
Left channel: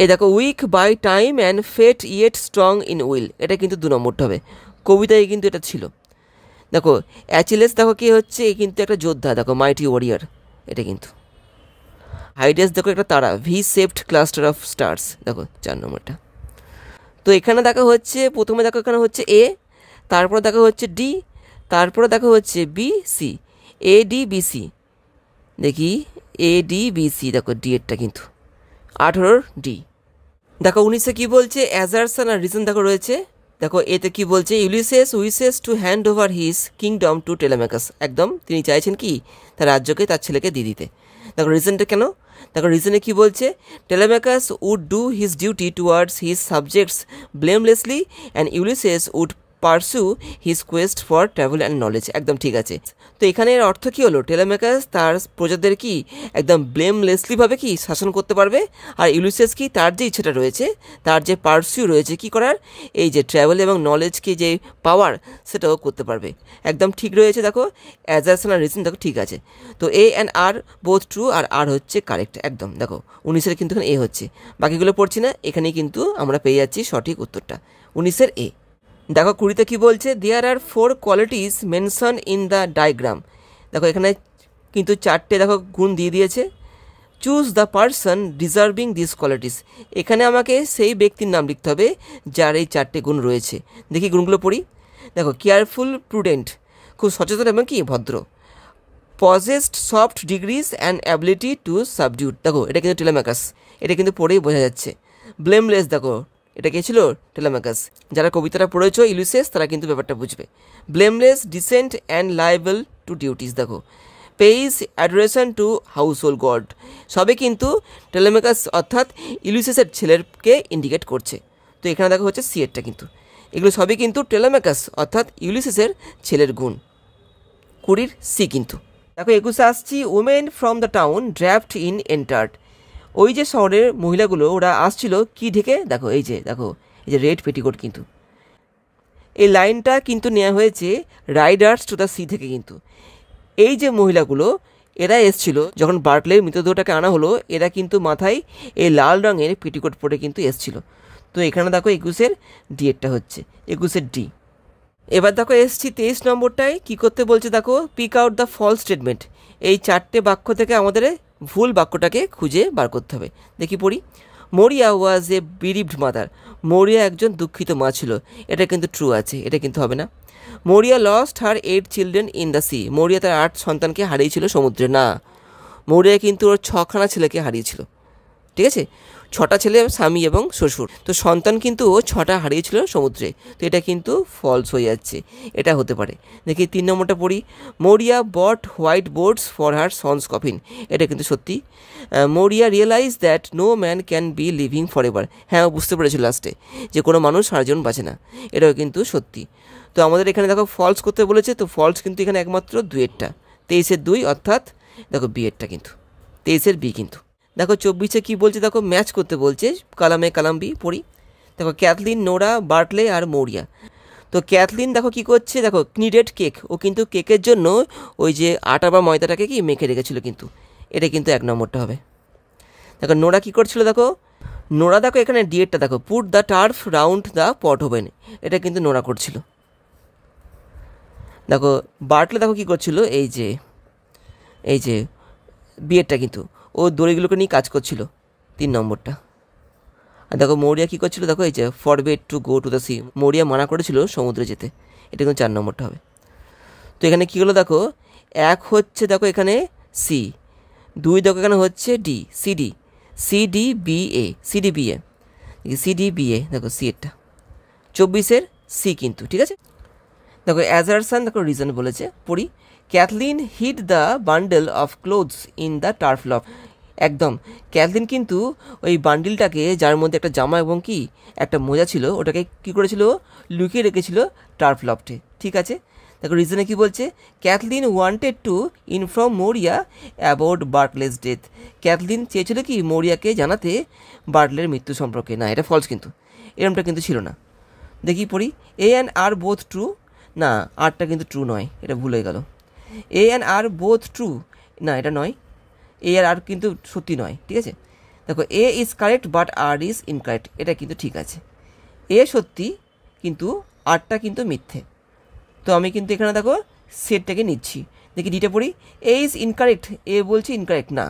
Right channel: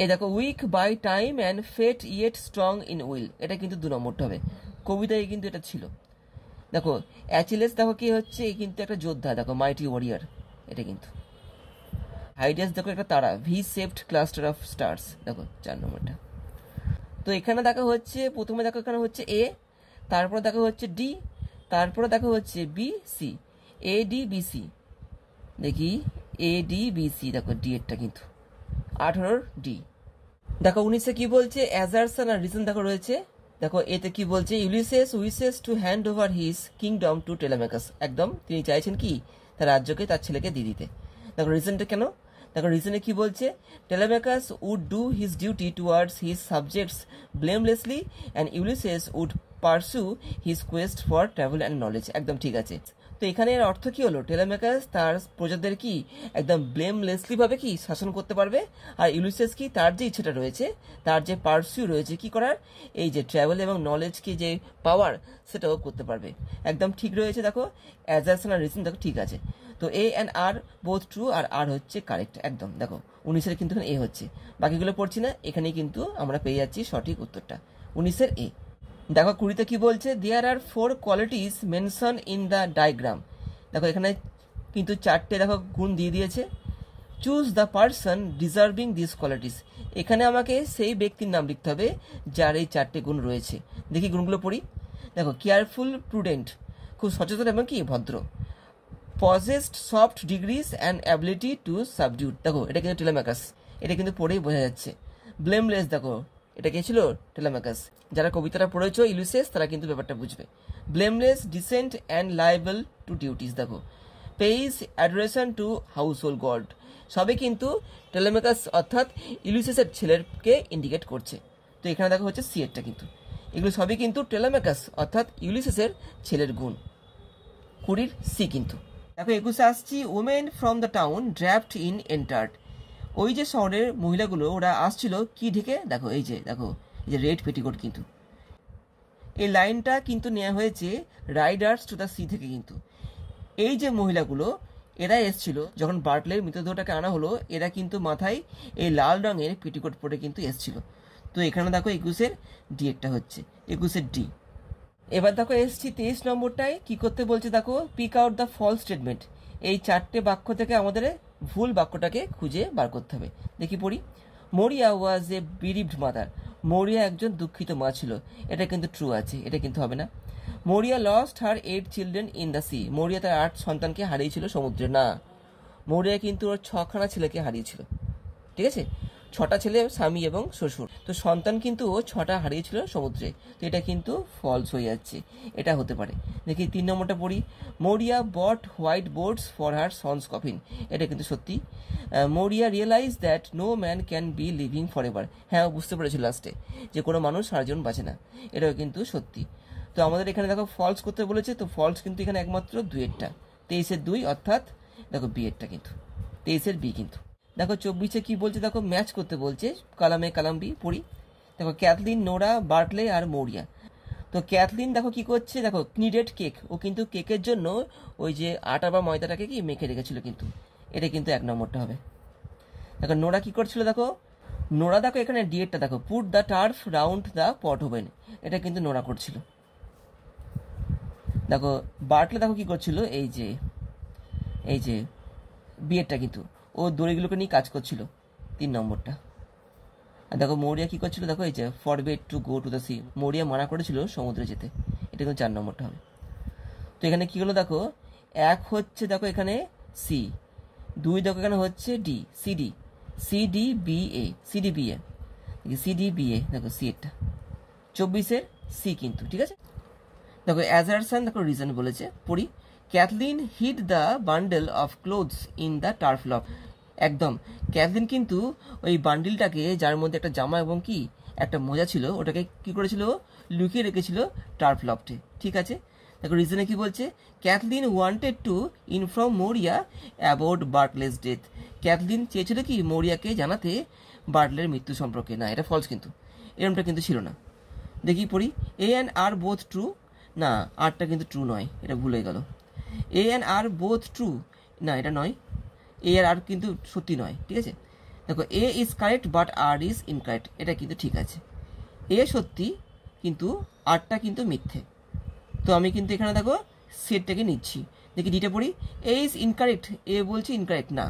এই দেখো weak by time and fate yet strong in will, এটা কিন্তু 2 নম্বরটা হবে, কবিতায় কিন্তু এটা ছিল। দেখো অ্যাচিলেস দেখো কি হচ্ছে, এই কিন্তু একটা যোদ্ধা, দেখো মাইটি ওয়ারিয়ার, এটা কিন্তু। হাইডেস দেখো একটা তারা, V shaped cluster of stars, দেখো 4 নম্বরটা। তো এখানে দেখা হচ্ছে, প্রথমে দেখো এখানে হচ্ছে এ, তারপরে দেখা হচ্ছে ডি, তারপরে দেখা হচ্ছে B C, A D B C, দেখি এ ডি বি সি, দেখো ডি এরটা কিন্তু 18 ডি। দেখো 19-এ কী বলছে, অ্যাজারশন আর রিজন দেখো রয়েছে। দেখো এতে কি বলছে, Ulysses wishes to hand over his kingdom to Telemachus, একদম তিনি চাইছেন কি তার রাজ্যকে তার ছেলেকে দিয়ে দিতে। দেখো রিজনটা কেন, দেখো রিজনে কি বলছে, Telemachus would do his duty towards his subjects blamelessly and Ulysses would pursue his quest for travel and knowledge, একদম ঠিক আছে। তো এখানে এর অর্থ কী হলো, টেলেমাকাস তার প্রজাদের কি একদম ব্লেমলেসলিভাবে কি শাসন করতে পারবে, আর ইউলিসেস কি তার যে ইচ্ছেটা রয়েছে, তার যে পারসিউ রয়েছে কি করার, এই যে ট্রাভেল এবং নলেজকে যে পাওয়ার সেটাও করতে পারবে, একদম ঠিক রয়েছে। দেখো অ্যাজারশন আর রিজন দেখো ঠিক আছে। তো এ অ্যান্ড আর বোথ ট্রু, আর আর হচ্ছে কারেক্ট একদম। দেখো 19-এর কিন্তু এখানে এ হচ্ছে, বাকিগুলো পড়ছি না, এখানেই কিন্তু আমরা পেয়ে যাচ্ছি সঠিক উত্তরটা, 19-এর এ। দেখো 20-তে কী বলছে, দেয়ার আর 4 qualities mention in the diagram. দেখো এখানে কিন্তু 4টে দেখো গুণ দিয়ে দিয়েছে, choose the person deserving this qualities, এখানে আমাকে সেই ব্যক্তির নাম লিখতে হবে যার এই 4টে গুণ রয়েছে। দেখি গুণগুলো পড়ি। দেখো কেয়ারফুল, প্রুডেন্ট, খুব সচেতন এবং কি ভদ্র, possessed soft degrees and ability to subdue, দেখো এটা কিন্তু টেলেমাকাস, এটা কিন্তু পড়েই বোঝা যাচ্ছে। ব্লেমলেস, দেখো এটা কে ছিল, টেলেমাকাস। যারা কবিতাটা পড়েছ ইউলিসেস তারা কিন্তু ব্যাপারটা বুঝবে। Blameless, decent and liable to duties, দেখো pays adoration to household gods, সবে কিন্তু টেলেমাকাস অর্থাৎ ইউলিসেসের ছেলেরকে ইন্ডিকেট করছে। তো এখানে দেখো হচ্ছে সি এরটা কিন্তু, এগুলো সবই কিন্তু টেলেমাকাস অর্থাৎ ইউলিসেসের ছেলের গুণ, 20-র সি কিন্তু। দেখো 21-এ আসছি, women from the town draft in entered, ওই যে শহরের মহিলাগুলো ওরা আসছিল কি ঢেকে, দেখো এই যে দেখো এই যে রেড পেটিকোট কিন্তু, এই লাইনটা কিন্তু নেওয়া হয়েছে রাইডার্স টু দ্য সি থেকে কিন্তু। এই যে মহিলাগুলো এরা এসছিল যখন বার্টলের মৃতদেহটাকে আনা হলো, এরা কিন্তু মাথায় এই লাল রঙের পেটিকোট পরে কিন্তু এসছিল। তো এখানে দেখো 21-এর ডি এরটা হচ্ছে, 21-এর ডি। এবার দেখো এসছি 23 নম্বরটায়, কী করতে বলছে, দেখো pick out the false statement, এই 4টে বাক্য থেকে আমাদের ভুল বাক্যটাকে খুঁজে বার করতে হবে। দেখি পড়ি, মরিয়া ওয়াজ এ বিরিভড মাদার, মরিয়া একজন দুঃখিত মা ছিল, এটা কিন্তু ট্রু আছে, এটা কিন্তু হবে না। মরিয়া lost her 8 children in the sea, মরিয়া তার 8 সন্তানকে হারিয়েছিল সমুদ্রে, না, মরিয়া কিন্তু ওর 6খানা ছেলেকে হারিয়েছিল, ঠিক আছে, 6টা ছেলে, স্বামী এবং শ্বশুর, তো সন্তান কিন্তু ও 6টা হারিয়েছিল সমুদ্রে, তো এটা কিন্তু ফলস হয়ে যাচ্ছে, এটা হতে পারে। দেখি 3 নম্বরটা পড়ি, Maurya bought white boards for her sons coffin, এটা কিন্তু সত্যি। Maurya realize that no man can be living for ever, হ্যাঁ বুঝতে পেরেছিল লাস্টে যে কোনো মানুষ সারা জীবন বাঁচে না, এটাও কিন্তু সত্যি। তো আমাদের এখানে দেখো ফলস করতে বলেছে, তো ফলস কিন্তু এখানে একমাত্র 2-এরটা, 23-এর 2 অর্থাৎ দেখো বি এরটা কিন্তু, 23-এর বি কিন্তু। দেখো 24-এ কী বলছে, দেখো ম্যাচ করতে বলছে, কালামে কালাম বি পড়ি। দেখো ক্যাথলিন, নোরা, বার্টলে আর মৌরিয়া। তো ক্যাথলিন দেখো কি করছে, দেখো নিডেড কেক, ও কিন্তু কেকের জন্য ওই যে আটা বা ময়দাটাকে কি মেখে রেখেছিল কিন্তু, এটা কিন্তু 1 নম্বরটা হবে। দেখো নোরা কী করছিল, দেখো নোরা দেখো এখানে ডিএডটা দেখো, put the turf round the pot oven, এটা কিন্তু নোরা করছিল। দেখো বার্টলে দেখো কী করছিল, এই যে বিয়েরটা কিন্তু ও দড়িগুলোকে নিয়ে কাজ করছিল, 3 নম্বরটা। আর দেখো মৌরিয়া কী করছিল, দেখো এই যে forbade to go to the sea, Maurya মানা করেছিল সমুদ্রে যেতে, এটা কিন্তু 4 নম্বরটা হবে। তো এখানে কী হলো, দেখো 1 হচ্ছে দেখো এখানে সি, 2 দেখো এখানে হচ্ছে ডি, সিডি, সিডিবিএ, সিডিবিএ, সিডিবিএ, দেখো সি এরটা 24-এর সি কিন্তু, ঠিক আছে। দেখো অ্যাজারশন দেখো রিজন বলেছে, পড়ি। Cathleen hid the bundle of clothes in the turf loft, একদম। ক্যাথলিন কিন্তু ওই বান্ডিলটাকে, যার মধ্যে একটা জামা এবং কি একটা মোজা ছিল, ওটাকে কী করেছিল, লুকিয়ে রেখেছিল টার্ফ লফটে। ঠিক আছে, দেখো রিজনে কি বলছে, Cathleen wanted to inform Maurya about Bartley's death. Cathleen চেয়েছিল কি মোরিয়াকে জানাতে বার্টলের মৃত্যু সম্পর্কে। না, এটা ফলস, কিন্তু এরমটা কিন্তু ছিল না। দেখি পড়ি, এ অ্যান্ড আর বোথ ট্রু। না, আরটা কিন্তু ট্রু নয়, এটা ভুল হয়ে গেল। এ অ্যান্ড আর বোথ ট্রু, না এটা নয়, এ আর কিন্তু সত্যি নয়। ঠিক আছে, দেখো A is correct but R is incorrect, এটা কিন্তু ঠিক আছে। এ সত্যি কিন্তু আরটা কিন্তু মিথ্যে। তো আমি কিন্তু এখানে দেখো সেটটাকে নিচ্ছি। দেখি ডিটা পড়ি, এ ইজ ইনকারেক্ট, এ বলছি ইনকারেক্ট না,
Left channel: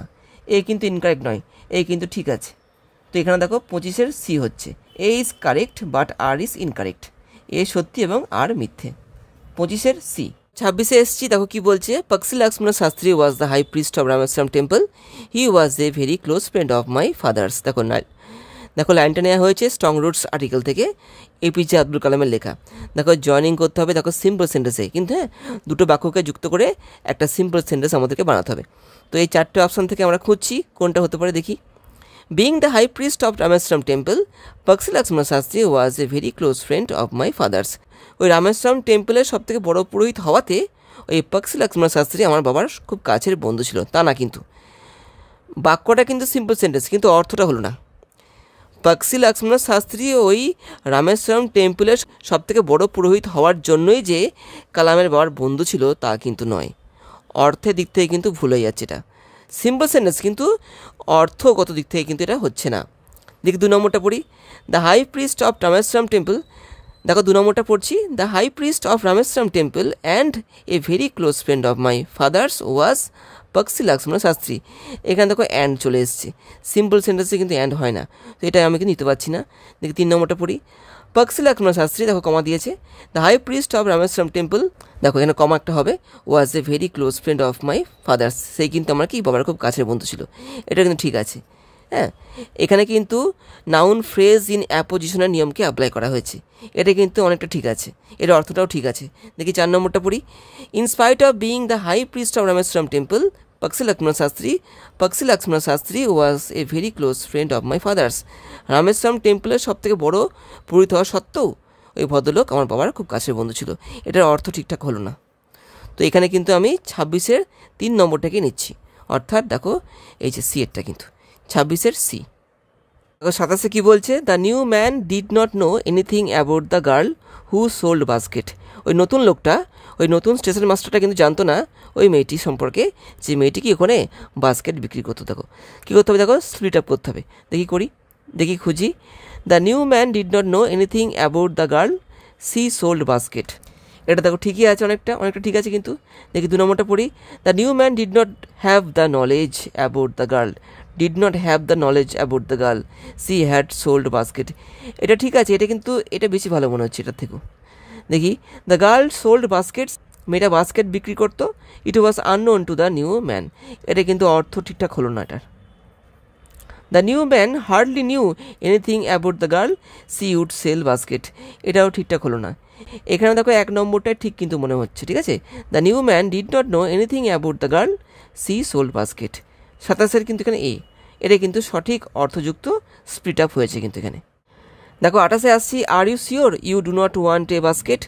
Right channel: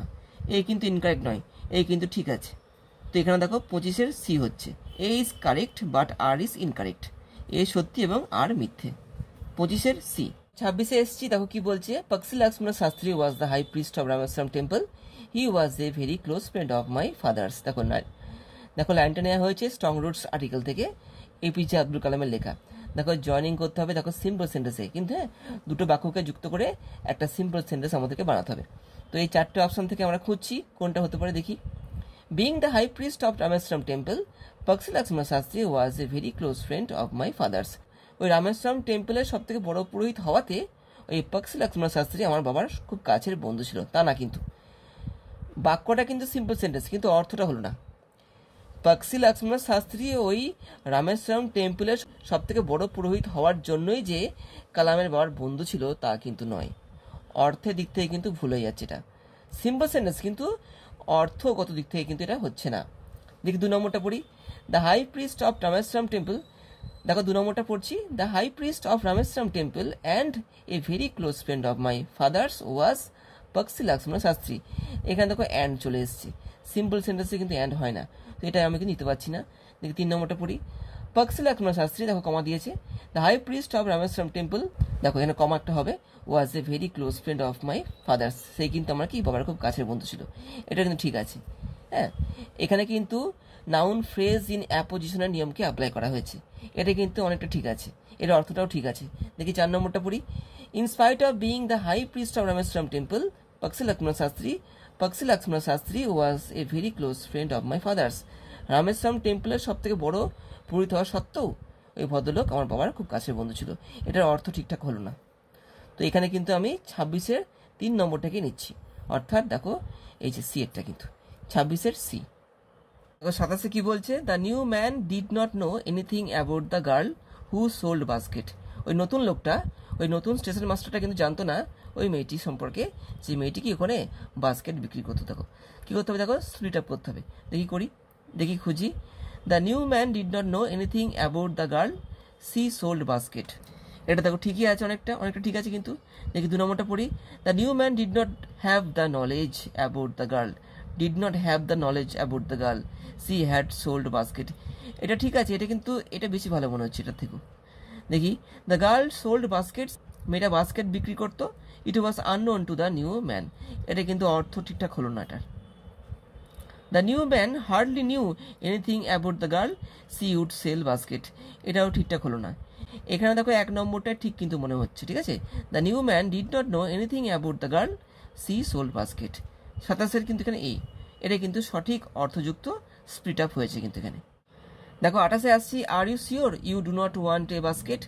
এ কিন্তু ইনকারেক্ট নয়, এ কিন্তু ঠিক আছে। তো এখানে দেখো 25-এর সি হচ্ছে, A is correct but R is incorrect, A সত্যি এবং আর মিথ্যে, 25-এর সি। 26-এ এসছি, দেখো কি বলছে, Pakshi Lakshmana Sastry was the high priest of Rameswaram temple, he was a very close friend of my father's. দেখো লাইনটা নেওয়া হয়েছে স্ট্রং রুটস আর্টিকেল থেকে, এপিজে আব্দুল কালামের লেখা। দেখো জয়নিং করতে হবে, দেখো সিম্পল সেন্টেন্সে, কিন্তু হ্যাঁ দুটো বাক্যকে যুক্ত করে একটা সিম্পল সেন্টেন্স আমাদেরকে বানাতে হবে। তো এই 4টে অপশান থেকে আমরা খুঁজছি কোনটা হতে পারে দেখি। Being the high priest of Rameswaram temple, Pakshi Lakshmana Sastry was a very close friend of my father's. ওই রামেশ্বরম টেম্পলের সব থেকে বড় পুরোহিত হওয়াতে ওই পক্সি লক্ষ্মণ শাস্ত্রী আমার বাবার খুব কাছের বন্ধু ছিল, তা না কিন্তু। বাক্যটা কিন্তু সিম্পল সেন্টেন্স, কিন্তু অর্থটা হলো না। পক্সি লক্ষ্মণ শাস্ত্রী ওই রামেশ্বরম টেম্পলের সবথেকে বড় পুরোহিত হওয়ার জন্যই যে কালামের বাবার বন্ধু ছিল তা কিন্তু নয়। অর্থের দিক থেকে কিন্তু ভুল হয়ে যাচ্ছে, এটা সিম্পল সেন্টেন্স কিন্তু অর্থগত দিক থেকে কিন্তু এটা হচ্ছে না। দেখি 2 নম্বরটা পড়ি, the high priest of Rameswaram temple. দেখো 2 নম্বরটা পড়ছি, the high priest of Rameswaram temple and a very close friend of my father's was Pakshi Lakshmana Sastry. এখানে দেখো অ্যান্ড চলে এসছে, সিম্পল সেন্টেন্সে কিন্তু অ্যান্ড হয় না, তো এটা আমি কিন্তু নিতে পারছি না। দেখি 3 নম্বরটা পড়ি, পক্সি লক্ষ্মণ শাস্ত্রী, দেখো কমা দিয়েছে, the high priest of Rameswaram temple, দেখো এখানে কমা একটা হবে, was a very close friend of my father's, সেই কিন্তু আমার কি বাবার খুব কাছের বন্ধু ছিল, এটা কিন্তু ঠিক আছে। হ্যাঁ, এখানে কিন্তু নাউন ফ্রেজ ইন অ্যাপোজিশনের নিয়মকে অ্যাপ্লাই করা হয়েছে, এটা কিন্তু অনেকটা ঠিক আছে, এর অর্থটাও ঠিক আছে। দেখি 4 নম্বরটা পড়ি, inspite of being the high priest of Rameswaram temple, Pakshi Lakshmana Sastry was a very close friend of my father's. Rameswaram টেম্পলের সব থেকে বড় পুরোহিত হওয়া সত্ত্বেও ওই ভদ্রলোক আমার বাবার খুব কাছের বন্ধু ছিল, এটার অর্থ ঠিকঠাক হলো না। তো এখানে কিন্তু আমি 26-এর 3 নম্বরটাকে নিচ্ছি, অর্থাৎ দেখো এই যে সি এরটা কিন্তু 26-এর সি। দেখো 27-এ কী বলছে, the new man did not know anything about the girl who sold basket. ওই নতুন লোকটা, ওই নতুন স্টেশন মাস্টারটা কিন্তু জানতো না ওই মেয়েটি সম্পর্কে, যে মেয়েটি কি ওখানে বাস্কেট বিক্রি করতো। দেখো কী করতে হবে, দেখো স্প্লিট আপ করতে হবে। দেখি খুঁজি, the new man did not know anything about the girl she sold basket, এটা দেখো ঠিকই আছে, অনেকটা ঠিক আছে কিন্তু। দেখি 2 নম্বরটা পড়ি, the new man did not have the knowledge about the girl, she had sold basket, এটা ঠিক আছে, এটা কিন্তু এটা বেশি ভালো মনে হচ্ছে এটার থেকেও। দেখি, দ্য গার্ল সোল্ড বাস্কেটস, মেয়েটা বাস্কেট বিক্রি করতো, it was unknown to the new man, এটা কিন্তু অর্থ ঠিকঠাক হলো না এটার। The new man hardly knew anything about the girl she would sell basket, এটাও ঠিকঠাক হলো না। এখানে দেখো 1 নম্বরটাই ঠিক কিন্তু মনে হচ্ছে, ঠিক আছে, the new man did not know anything about the girl she sold basket. 27-এর কিন্তু এখানে এ, এটা কিন্তু সঠিক অর্থযুক্ত স্প্লিট আপ হয়েছে কিন্তু এখানে। দেখো 28-এ আসছি, are you sure you do not want a basket,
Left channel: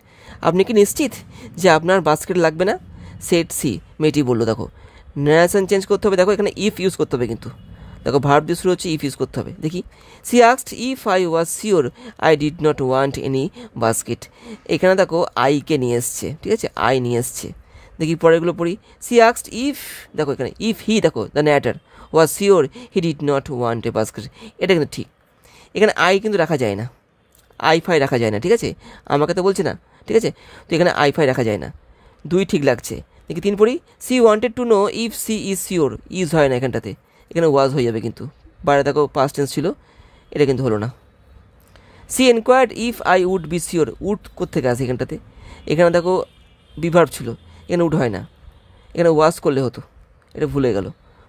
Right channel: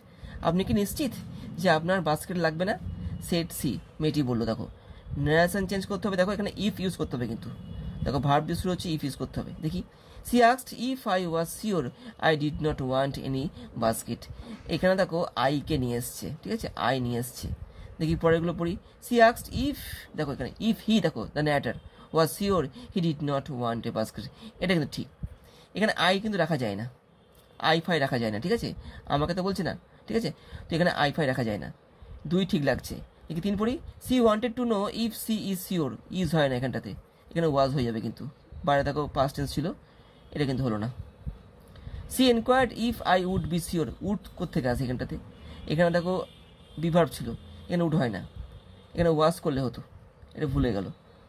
আপনি কি নিশ্চিত যে আপনার বাস্কেট লাগবে না? সেট সি, মেয়েটি বললো। দেখো নারেশন চেঞ্জ করতে হবে, দেখো এখানে ইফ ইউজ করতে হবে কিন্তু, দেখো ভার্ব দিয়ে শুরু হচ্ছে, ইফ ইউজ করতে হবে। দেখি, she asked if I was sure I did not want any basket, এখানে দেখো আইকে নিয়ে এসছে, ঠিক আছে, আই নিয়ে এসছে। দেখি পরেরগুলো পড়ি, সি আস্কড ইফ, দেখো এখানে ইফ হি, দেখো the narrator was sure he did not want a basket, এটা কিন্তু ঠিক। এখানে আই কিন্তু রাখা যায় না, আই ফাই রাখা যায় না, ঠিক আছে, আমাকে তো বলছে না, ঠিক আছে, তো এখানে আই ফাই রাখা যায় না, 2 ঠিক লাগছে। দেখি 3 পড়ি, she wanted to know if she is sure, is হয় না এখানটাতে, এখানে ওয়াজ হয়ে যাবে কিন্তু, বাইরে দেখো পাস্ট টেন্স ছিল, এটা কিন্তু হলো না। She enquired if I would be sure, would কোত্থেকে আসে এখানটাতে, এখানে দেখো বিভার্ব ছিল, এখানে উড হয় না, এখানে ওয়াজ করলে হতো, এটা ভুলে গেল।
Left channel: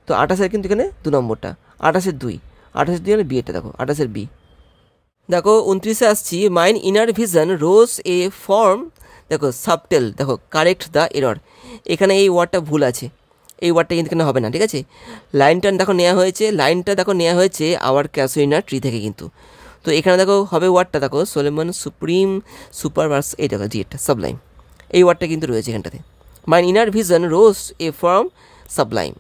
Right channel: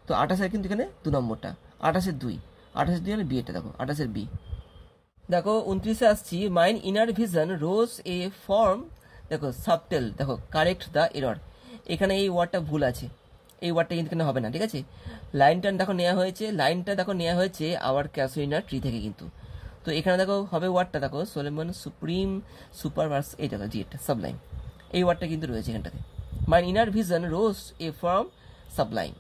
তো 28-এর কিন্তু এখানে 2 নম্বরটা, 28-এর 2 মানে বি, এটা দেখো 28-এর বি। দেখো 29-এ আসছি, mine inner vision rose a form, দেখো সাবটেল, দেখো কারেক্ট দ্য এরর, এখানে এই ওয়ার্ডটা ভুল আছে, এই ওয়ার্ডটা কিন্তু এখানে হবে না, ঠিক আছে। লাইনটা দেখো নেওয়া হয়েছে আওয়ার ক্যাসোইনার ট্রি থেকে কিন্তু। তো এখানে দেখো হবে ওয়ার্ডটা দেখো সোলোমন সুপ্রিম সুপারভার্স, এই দেখো ডিএটটা সাবলাইম, এই ওয়ার্ডটা কিন্তু রয়েছে এখানটাতে। My inner vision rose a form sublime,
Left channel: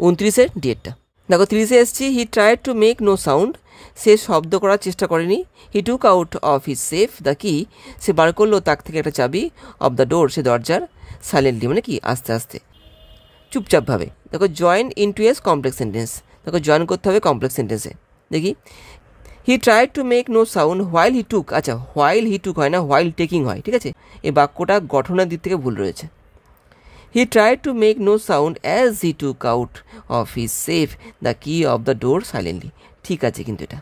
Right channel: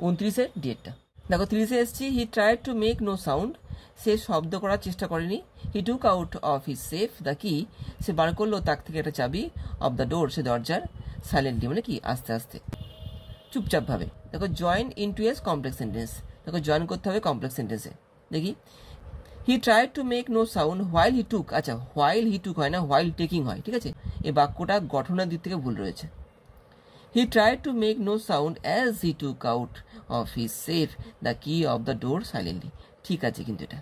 29-এর ডিএটটা। দেখো 30-এ এসছি, he tried to make no sound, সে শব্দ করার চেষ্টা করেনি। He took out of his safe the key, সে বার করলো তাক থেকে একটা চাবি, অফ দ্য ডোর, সে দরজার, সাইলেন্টলি মানে কি আস্তে আস্তে চুপচাপভাবে। দেখো join into as complex sentence, দেখো জয়েন করতে হবে কমপ্লেক্স সেন্টেন্সে। দেখি he tried to make no sound while he took, আচ্ছা হোয়াইল হি টুক হয় না, হোয়াইল টেকিং হয়, ঠিক আছে। এই বাক্যটা গঠনের দিক থেকে ভুল রয়েছে। He tried to make no sound as he took out of his safe the key of the door silently, ঠিক আছে। কিন্তু এটা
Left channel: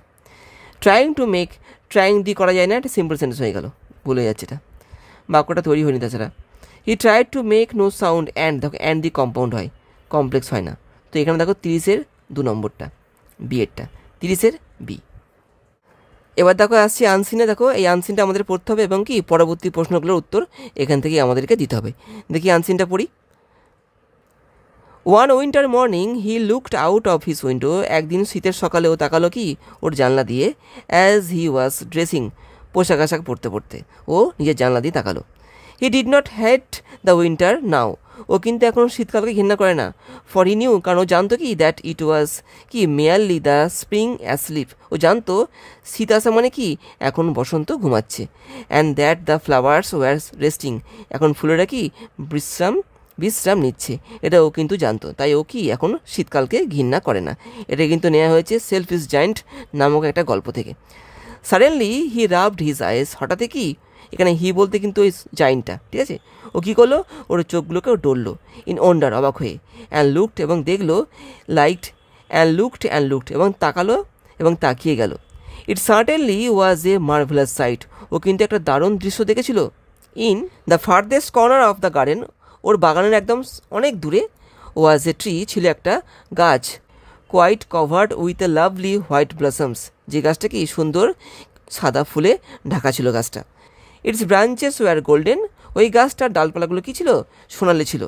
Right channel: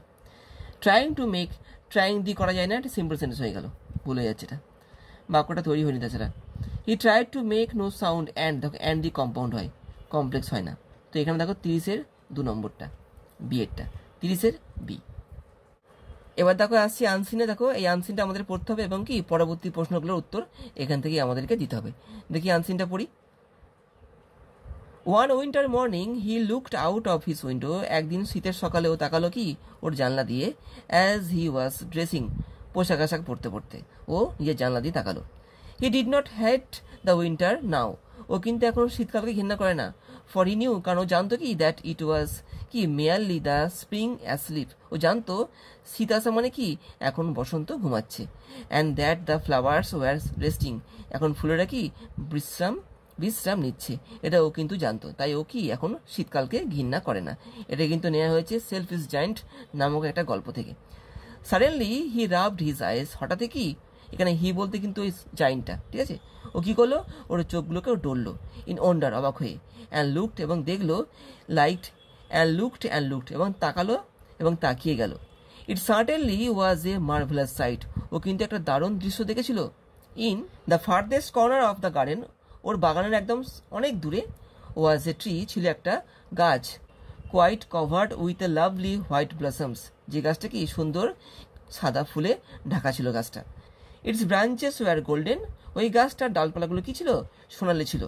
ট্রাইং টু মেক, ট্রাইং দিয়ে করা যায় না, এটা সিম্পল সেন্টেন্স হয়ে গেল, ভুলে যাচ্ছে এটা, বাক্যটা তৈরি হয়নি। তাছাড়া he tried to make no sound and, দেখো অ্যান্ড দি কম্পাউন্ড হয়, কমপ্লেক্স হয় না। তো এখানে দেখো 30-এর 2 নম্বরটা বি এরটা, 30-এর বি। এবার দেখো আসছি আনসিনে, দেখো এই আনসিনটা আমাদের পড়তে হবে এবং কি পরবর্তী প্রশ্নগুলোর উত্তর এখান থেকেই আমাদেরকে দিতে হবে। দেখি আনসিনটা পড়ি। One winter morning he looked out of his window, একদিন শীতের সকালে ও তাকালো কি ওর জানলা দিয়ে, অ্যাজ হি ওয়াজ ড্রেসিং, পোশাক আশাক পরতে পরতে ও নিজের জানলা দিয়ে তাকালো। He did not hate the winter now, ও কিন্তু এখন শীতকালকে ঘৃণা করে না। ফর হি নিউ, কারণ ও জানতো কি দ্যাট ইট ওয়াজ কি মেয়ারলি দ্য স্প্রিং অ্যাসলিপ, ও জানতো শীত আসা মানে কি এখন বসন্ত ঘুমাচ্ছে। And that the flowers war resting, এখন ফুলেরা কি বিশ্রাম নিচ্ছে, এটা ও কিন্তু জানতো। তাই ও কি এখন শীতকালকে ঘৃণা করে না। এটা কিন্তু নেওয়া হয়েছে সেলফ ইজ জায়েন্ট নামক একটা গল্প থেকে। সাডেনলি হি রাবড হিজ আইস, হঠাৎ কি, এখানে হি বলতে কিন্তু ওই জায়েন্টটা, ঠিক আছে। ও কী করলো, ওর চোখগুলোকেও ডললো, ইন ওন্ডার, অবাক হয়ে, অ্যান্ড লুকড, এবং দেখলো, লাইকড, অ্যান্ড লুকড, এবং তাকালো এবং তাকিয়ে গেল। It certainly was a marvellous sight, ও কিন্তু একটা দারুণ দৃশ্য দেখেছিল। In the farthest corner of the garden, ওর বাগানের একদম অনেক দূরে, ওয়াজ এ ট্রি, ছিল একটা গাছ, quite covered with a lovely white blossoms, যে গাছটা কি সুন্দর সাদা ফুলে ঢাকা ছিল গাছটা। ইটস ব্রাঞ্চেস ওয়ার গোল্ডেন, ওই গাছটার ডালপালাগুলো কী ছিল, সোনালি ছিল।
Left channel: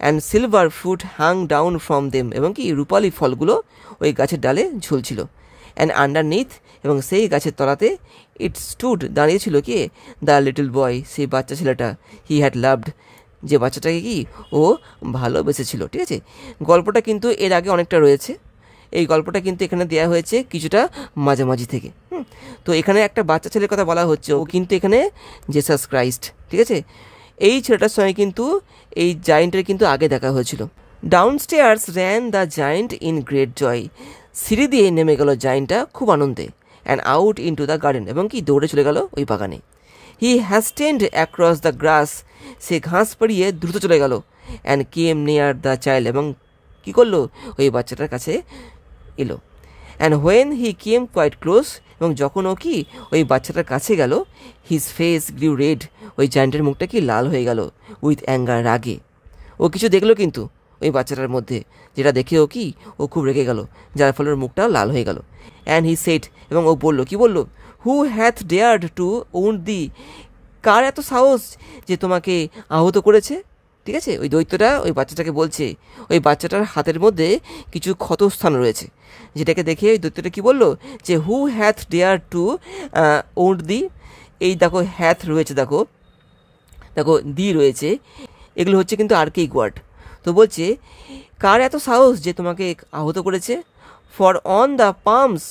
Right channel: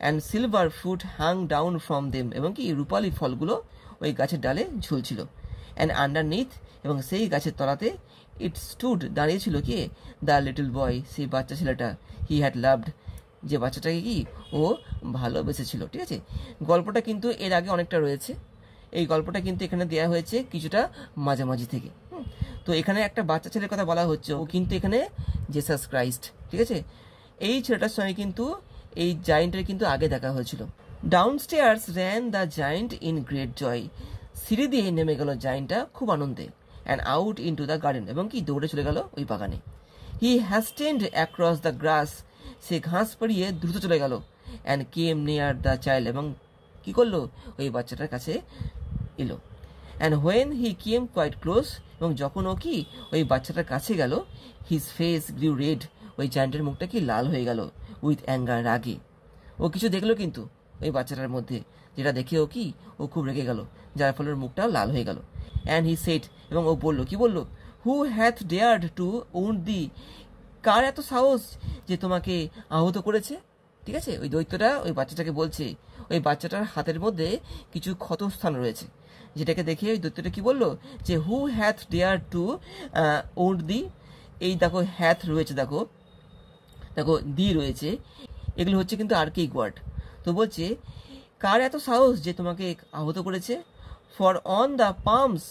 And silver fruit hung down from them, এবং কি রূপালি ফলগুলো ওই গাছের ডালে ঝুলছিল। অ্যান্ড আন্ডারনিথ, এবং সেই গাছের তলাতে, ইট স্টুড, দাঁড়িয়েছিল কি দ্য লিটল বয়, সেই বাচ্চা ছেলেটা, হি হ্যাড লাভড, যে বাচ্চাটাকে কি ও ভালোবেসেছিল, ঠিক আছে। গল্পটা কিন্তু এর আগে অনেকটা রয়েছে, এই গল্পটা কিন্তু এখানে দেওয়া হয়েছে কিছুটা মাঝামাঝি থেকে। তো এখানে একটা বাচ্চা ছেলের কথা বলা হচ্ছে, ও কিন্তু এখানে জেসাস ক্রাইস্ট, ঠিক আছে। এই ছেলেটার সঙ্গে কিন্তু এই জায়েন্টের কিন্তু আগে দেখা হয়েছিল। Downstairs ran the giant in great joy, সিঁড়ি দিয়ে নেমে গেল জায়েন্টটা খুব আনন্দে। And out into the garden, এবং কি দৌড়ে চলে গেল ওই বাগানে। হি হ্যাস্টেন্ড অ্যাক্রস দ্য গ্রাস, সে ঘাস পেরিয়ে দ্রুত চলে গেল। And came near the child, এবং কী করলো ওই বাচ্চাটার কাছে এলো। And when he came quite close, এবং যখন ও কি ওই বাচ্চাটার কাছে গেল, হিজ ফেস গ্রিউ রেড, ওই জায়েন্টের মুখটা কি লাল হয়ে গেল, উইথ অ্যাঙ্গার, রাগে। ও কিছু দেখলো কিন্তু ওই বাচ্চাটার মধ্যে, যেটা দেখে ও খুব রেগে গেল, যার ফলে ওর মুখটাও লাল হয়ে গেল। অ্যান্ড হি সেড, এবং ও বললো, কি বললো, হু হ্যাথ ডেয়ার্ড টু উন্ড দি, কার এত সাহস যে তোমাকে আহত করেছে, ঠিক আছে। ওই দৈত্যটা ওই বাচ্চাটাকে বলছে, ওই বাচ্চাটার হাতের মধ্যে কিছু ক্ষতস্থান রয়েছে, যেটাকে দেখে ওই দৈত্যটা কী বললো, যে হু হ্যাথ ডেয়ার টু উন্ড দি, এই দেখো হ্যাথ রয়েছে, দেখো দি রয়েছে, এগুলো হচ্ছে কিন্তু আর্কেইক ওয়ার্ড। তো বলছে কার এত সাহস যে তোমাকে আহত করেছে। For on the palms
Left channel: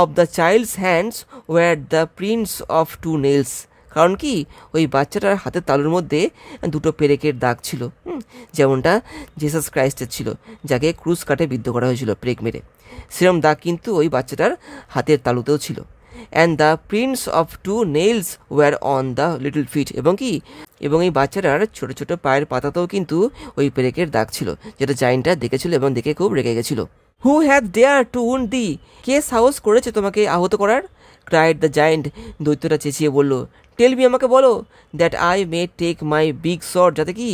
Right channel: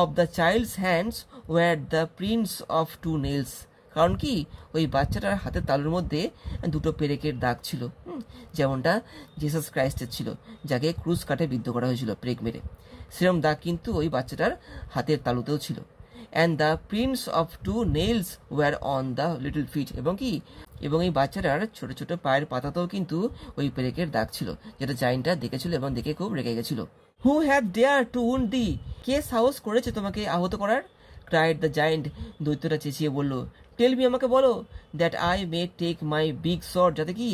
of the child's hands were the prints of 2 nails, কারণ কি ওই বাচ্চাটার হাতের তালুর মধ্যে 2টো পেরেকের দাগ ছিল, যেমনটা জেসাস ক্রাইস্টের ছিল, যাকে ক্রুজ কাটে বিদ্ধ করা হয়েছিল পেরেক মেরে, সেরকম দাগ কিন্তু ওই বাচ্চাটার হাতের তালুতেও ছিল। And the prints of 2 nails were on the little feet, এবং এই বাচ্চাটার ছোটো ছোটো পায়ের পাতাতেও কিন্তু ওই পেরেকের দাগ ছিল, যেটা জায়েন্টটা দেখেছিল এবং দেখে খুব রেগে গেছিল। Who had dare to wound thee, কে সাহস করেছে তোমাকে আহত করার। ক্রাইড দ্য জায়েন্ট, দৈত্যটা চেঁচিয়ে বলল, টেল মি, আমাকে বলো, that I may take my big shot, যাতে কি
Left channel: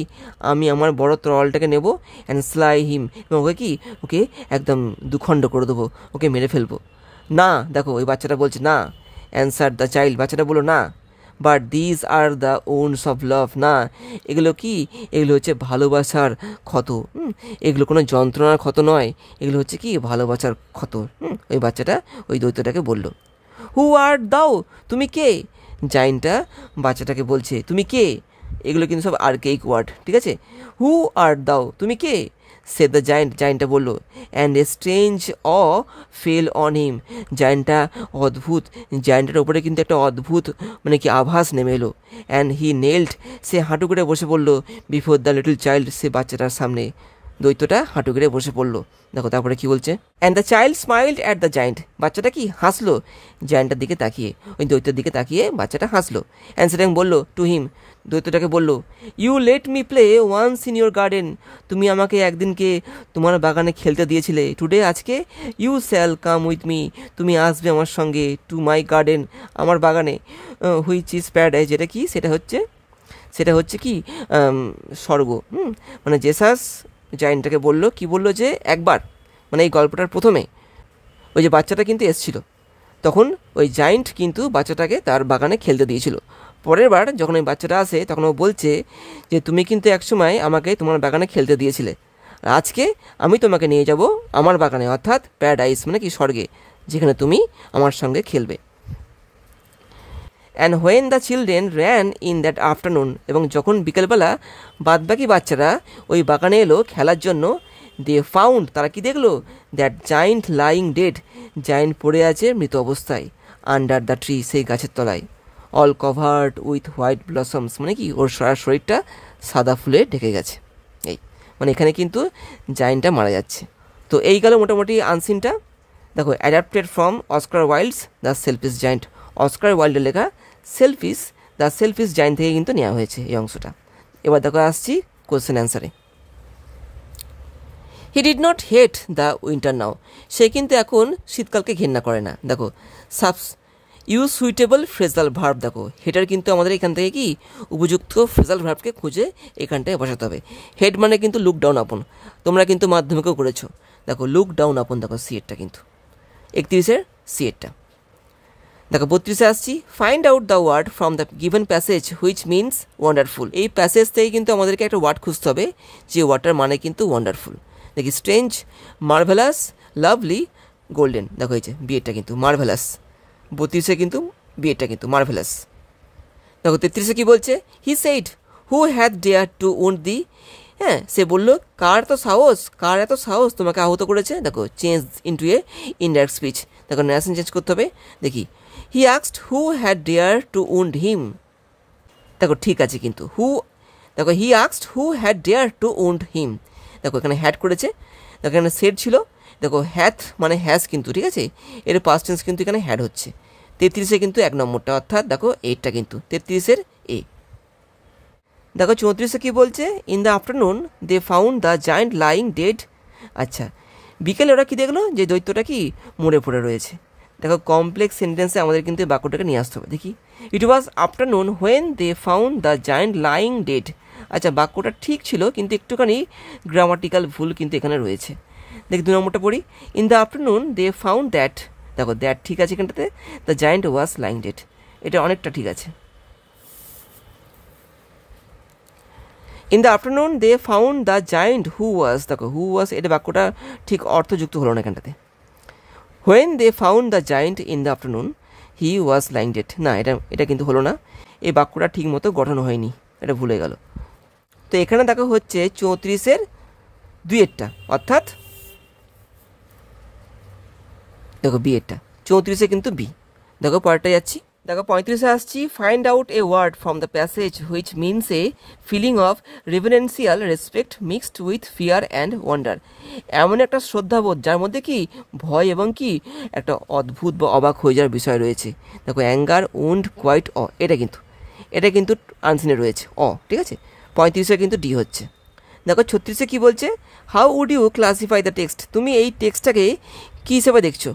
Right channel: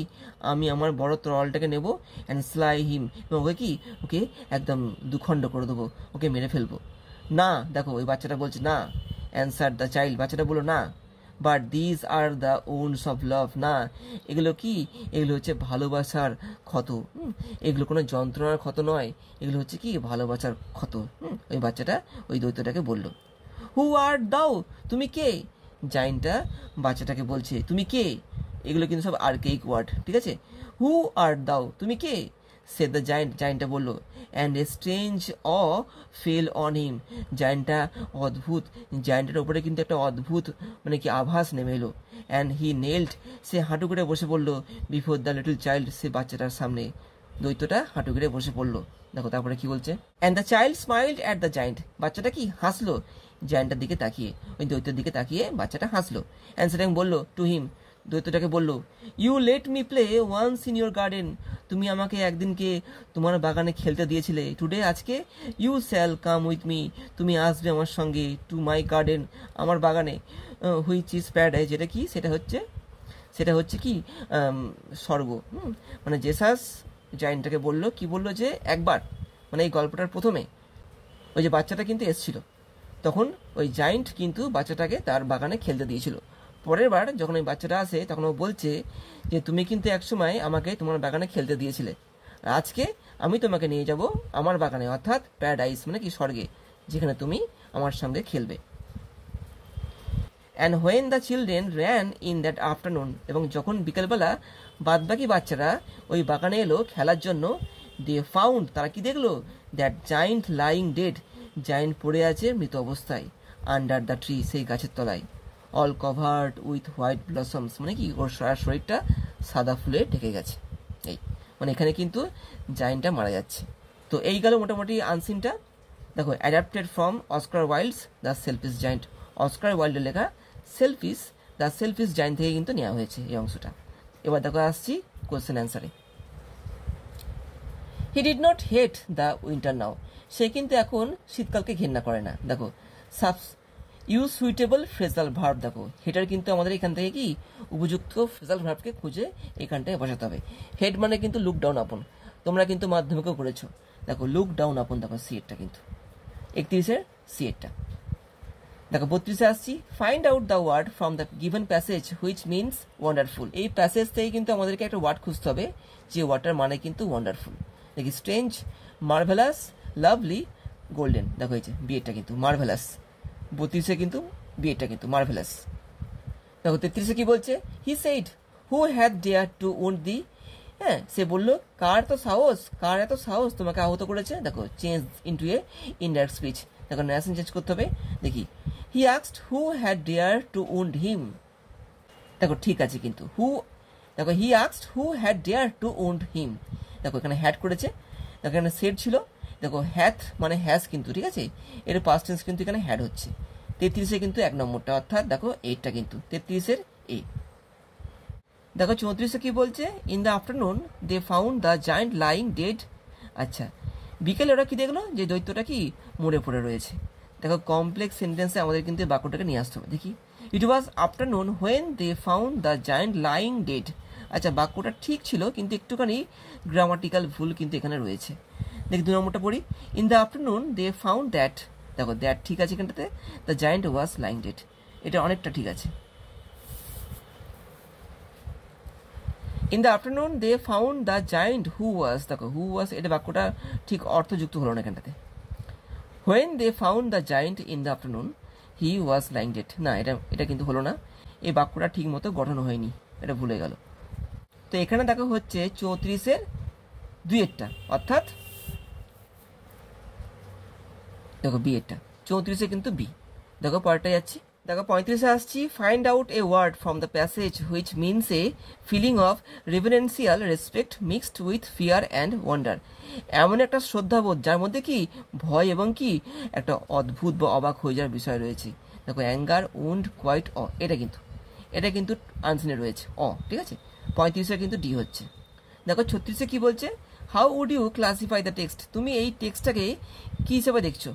আমি আমার বড় তরলটাকে নেব, অ্যান্ড স্লাই হিম, এবং ওকে একদম দুখণ্ড করে দেবো, ওকে মেরে ফেলবো। না, দেখো ওই বাচ্চাটা বলছে না। অ্যান্সার দ্য চাইল্ড, বাচ্চাটা বললো না। But this are the ওনস of love, না এগুলো কি, এগুলো হচ্ছে ভালোবাসার ক্ষত। এগুলো কোনো যন্ত্রণার ক্ষত নয়, এগুলো হচ্ছে কি ভালোবাসার ক্ষত। ওই বাচ্চাটা ওই দৈত্যটাকে বলল। হু আর দাও, তুমি কে? জাইনটা বাচ্চাটাকে বলছে তুমি কে। এগুলো কিন্তু সব আর্কেইক ওয়ার্ড, ঠিক আছে। হু আর দাও, তুমি কে? সে দ্য জায়েন্ট, জায়েন্টটা বললো। And a strange awe fell on him, জায়েন্টটা অদ্ভুত, জায়েন্টের ওপরে কিন্তু একটা অদ্ভুত মানে কি আভাস নেমে এলো। অ্যান্ড হি নেল্ড, সে হাঁটু করে বসে পড়লো বিফোর দ্য লিটল চাইল্ড, সে বাচ্চাটার সামনে দৈত্যটা হাঁটু করে বসে পড়লো। দেখো তারপরে কি বলছে, and the child স্মাইলড at the giant, বাচ্চাটা কি হাসলো জায়েন্টের দিকে তাকিয়ে, ওই দৈত্যের দিকে তাকিয়ে বাচ্চাটা হাসলো। অ্যান্ড সেটাং বললো টু হিম, দৈত্যটাকে বললো, you let me play once in your garden, তুমি আমাকে একদিনকে তোমার বাগানে খেলতে দিয়েছিলে, টুডে আজকে you shall come with me, তুমি আসবে আমার সঙ্গে, টু মাই গার্ডেন, আমার বাগানে, হুইচ ইজ প্যারাডাইজ, যেটা কি সেটা হচ্ছে কি স্বর্গ। মানে জেসাস জায়েন্টটাকে বললো, কি বললো যে একবার মানে এই গল্পটার প্রথমে ওই যে বাচ্চাটা কিন্তু এসছিল, তখন ওই জায়েন্ট কিন্তু বাচ্চাটাকে তার বাগানে খেলতে দিয়েছিল। পরের বার যখন ওই বাচ্চাটা আসে তখন ও বলছে যে তুমি কিন্তু একসময় আমাকে তোমার বাগানে খেলতে দিয়েছিলে, আজকে আমি তোমাকে নিয়ে যাব আমার বাগানে, অর্থাৎ প্যারাডাইস মানে কি স্বর্গে, যেখানে তুমি আমার সঙ্গে খেলবে। And when the children ran in that afternoon, এবং যখন বিকেলবেলা বাদবাকি বাচ্চারা ওই বাগানে এলো খেলার জন্য, দে ফাউন্ড, তারা কি দেখলো, that giant lying dead, giant পড়ে আছে মৃত অবস্থায়, আন্ডার দ্য ট্রি, সেই গাছের তলায়, all covered with white blossoms, মানে কি ওর সারা শরীরটা সাদা ফুলে ঢেকে গেছে। এই মানে এখানে কিন্তু জায়েন্টটা মারা যাচ্ছে। তো এই গেল মোটামুটি আনসিনটা। দেখো adapted from Oscar Wilde's the selfish giant, Oscar ওয়াইল্ডের লেখা সেলফিশ দ্য সেলফিশ জায়েন্ট থেকে কিন্তু নেওয়া হয়েছে এই অংশটা। এবার দেখো আসছি কোশ্চেন অ্যান্সারে। He did not hate the winter now, সে কিন্তু এখন শীতকালকে ঘেন্না করে না। দেখো ইউজ সুইটেবল ফ্রেজাল ভার্ব, দেখো হেটার কিন্তু আমাদের এখান থেকে কি উপযুক্ত ফ্রেজাল ভার্বকে খুঁজে এখানটায় বসাতে হবে। হেড মানে কিন্তু লুক ডাউন আপন, তোমরা কিন্তু মাধ্যমিকেও করেছো। দেখো লুক ডাউন আপন, দেখো সিএটটা কিন্তু 31-এর সিএটটা। দেখো 32-এ আসছি, find out the word from the given passage which means wonderful, এই প্যাসেজ থেকে কিন্তু আমাদেরকে একটা ওয়ার্ড খুঁজতে হবে যে ওয়ার্ডটার মানে কিন্তু ওয়ান্ডারফুল। দেখি স্ট্রেঞ্জ, মার্ভেলাস, লাভলি, গোল্ডেন, দেখো এই যে বিয়েটা কিন্তু মার্ভেলাস, 32-এ কিন্তু বিয়েটা কিন্তু মার্ভেলাস। দেখো 33-এ কি বলছে, he said who had dare to wound thee, হ্যাঁ সে বললো কার এত সাহস তোমাকে আহত করেছে। দেখো change into a indirect speech, দেখো ন্যারেশন চেঞ্জ করতে হবে। দেখি he asked who had dare to wound him, দেখো ঠিক আছে কিন্তু দেখো he asked who had dare to wound him, দেখো এখানে হ্যাড করেছে, দেখো এখানে সেড ছিল, দেখো হ্যাথ মানে হ্যাজ কিন্তু, ঠিক আছে এর পাস্ট টেন্স কিন্তু এখানে হ্যাড হচ্ছে। 33-এ কিন্তু 1 নম্বরটা, অর্থাৎ দেখো 8টা কিন্তু 33-এর এ। দেখো 34-এ কি বলছে, in the afternoon they found the giant lying dead, আচ্ছা বিকেলে ওরা কি দেখলো, যে দৈত্যটা কি মরে পড়ে রয়েছে। দেখো কমপ্লেক্স সেন্টেন্সে আমাদের কিন্তু বাক্যটাকে নিয়ে আসতে হবে। দেখি it was afternoon when they found the giant lying dead, আচ্ছা বাক্যটা ঠিক ছিল কিন্তু একটুখানি গ্রামাটিক্যাল ভুল কিন্তু এখানে রয়েছে। দেখি 2 নম্বরটা পড়ি, in the afternoon they found that, দেখো দ্যাট ঠিক আছে এখানটাতে, the giant was lying dead, এটা অনেকটা ঠিক আছে। In the afternoon they found the giant who was, দেখো হু ওয়াজ এটা বাক্যটা ঠিক অর্থযুক্ত হলো না এখানটাতে। When they found the giant in the afternoon he was lying dead, না এটা কিন্তু হলো না, এই বাক্যটা ঠিক মতো গঠন হয়নি, এটা ভুলে গেল। তো এখানে দেখো হচ্ছে 34-এর 2-এরটা, অর্থাৎ দেখো বিয়েরটা 34-এ কিন্তু বি। দেখো পরেরটা যাচ্ছি, দেখো 35-এ আসছি, find out a word from the passage which means a feeling of reverential respect mixed with fear and wonder, এমন একটা শ্রদ্ধাবোধ যার মধ্যে কি ভয় এবং কি একটা অদ্ভুত বা অবাক হয়ে যাওয়ার বিষয় রয়েছে। দেখো অ্যাঙ্গার, উন্ড, কোয়াইট, এটা কিন্তু আনসিনে রয়েছে ঠিক আছে। 35-এ কিন্তু ডি হচ্ছে। দেখো 36-এ কি বলছে, how would you classify the text, তুমি এই টেক্সটটাকে কী হিসেবে দেখছো।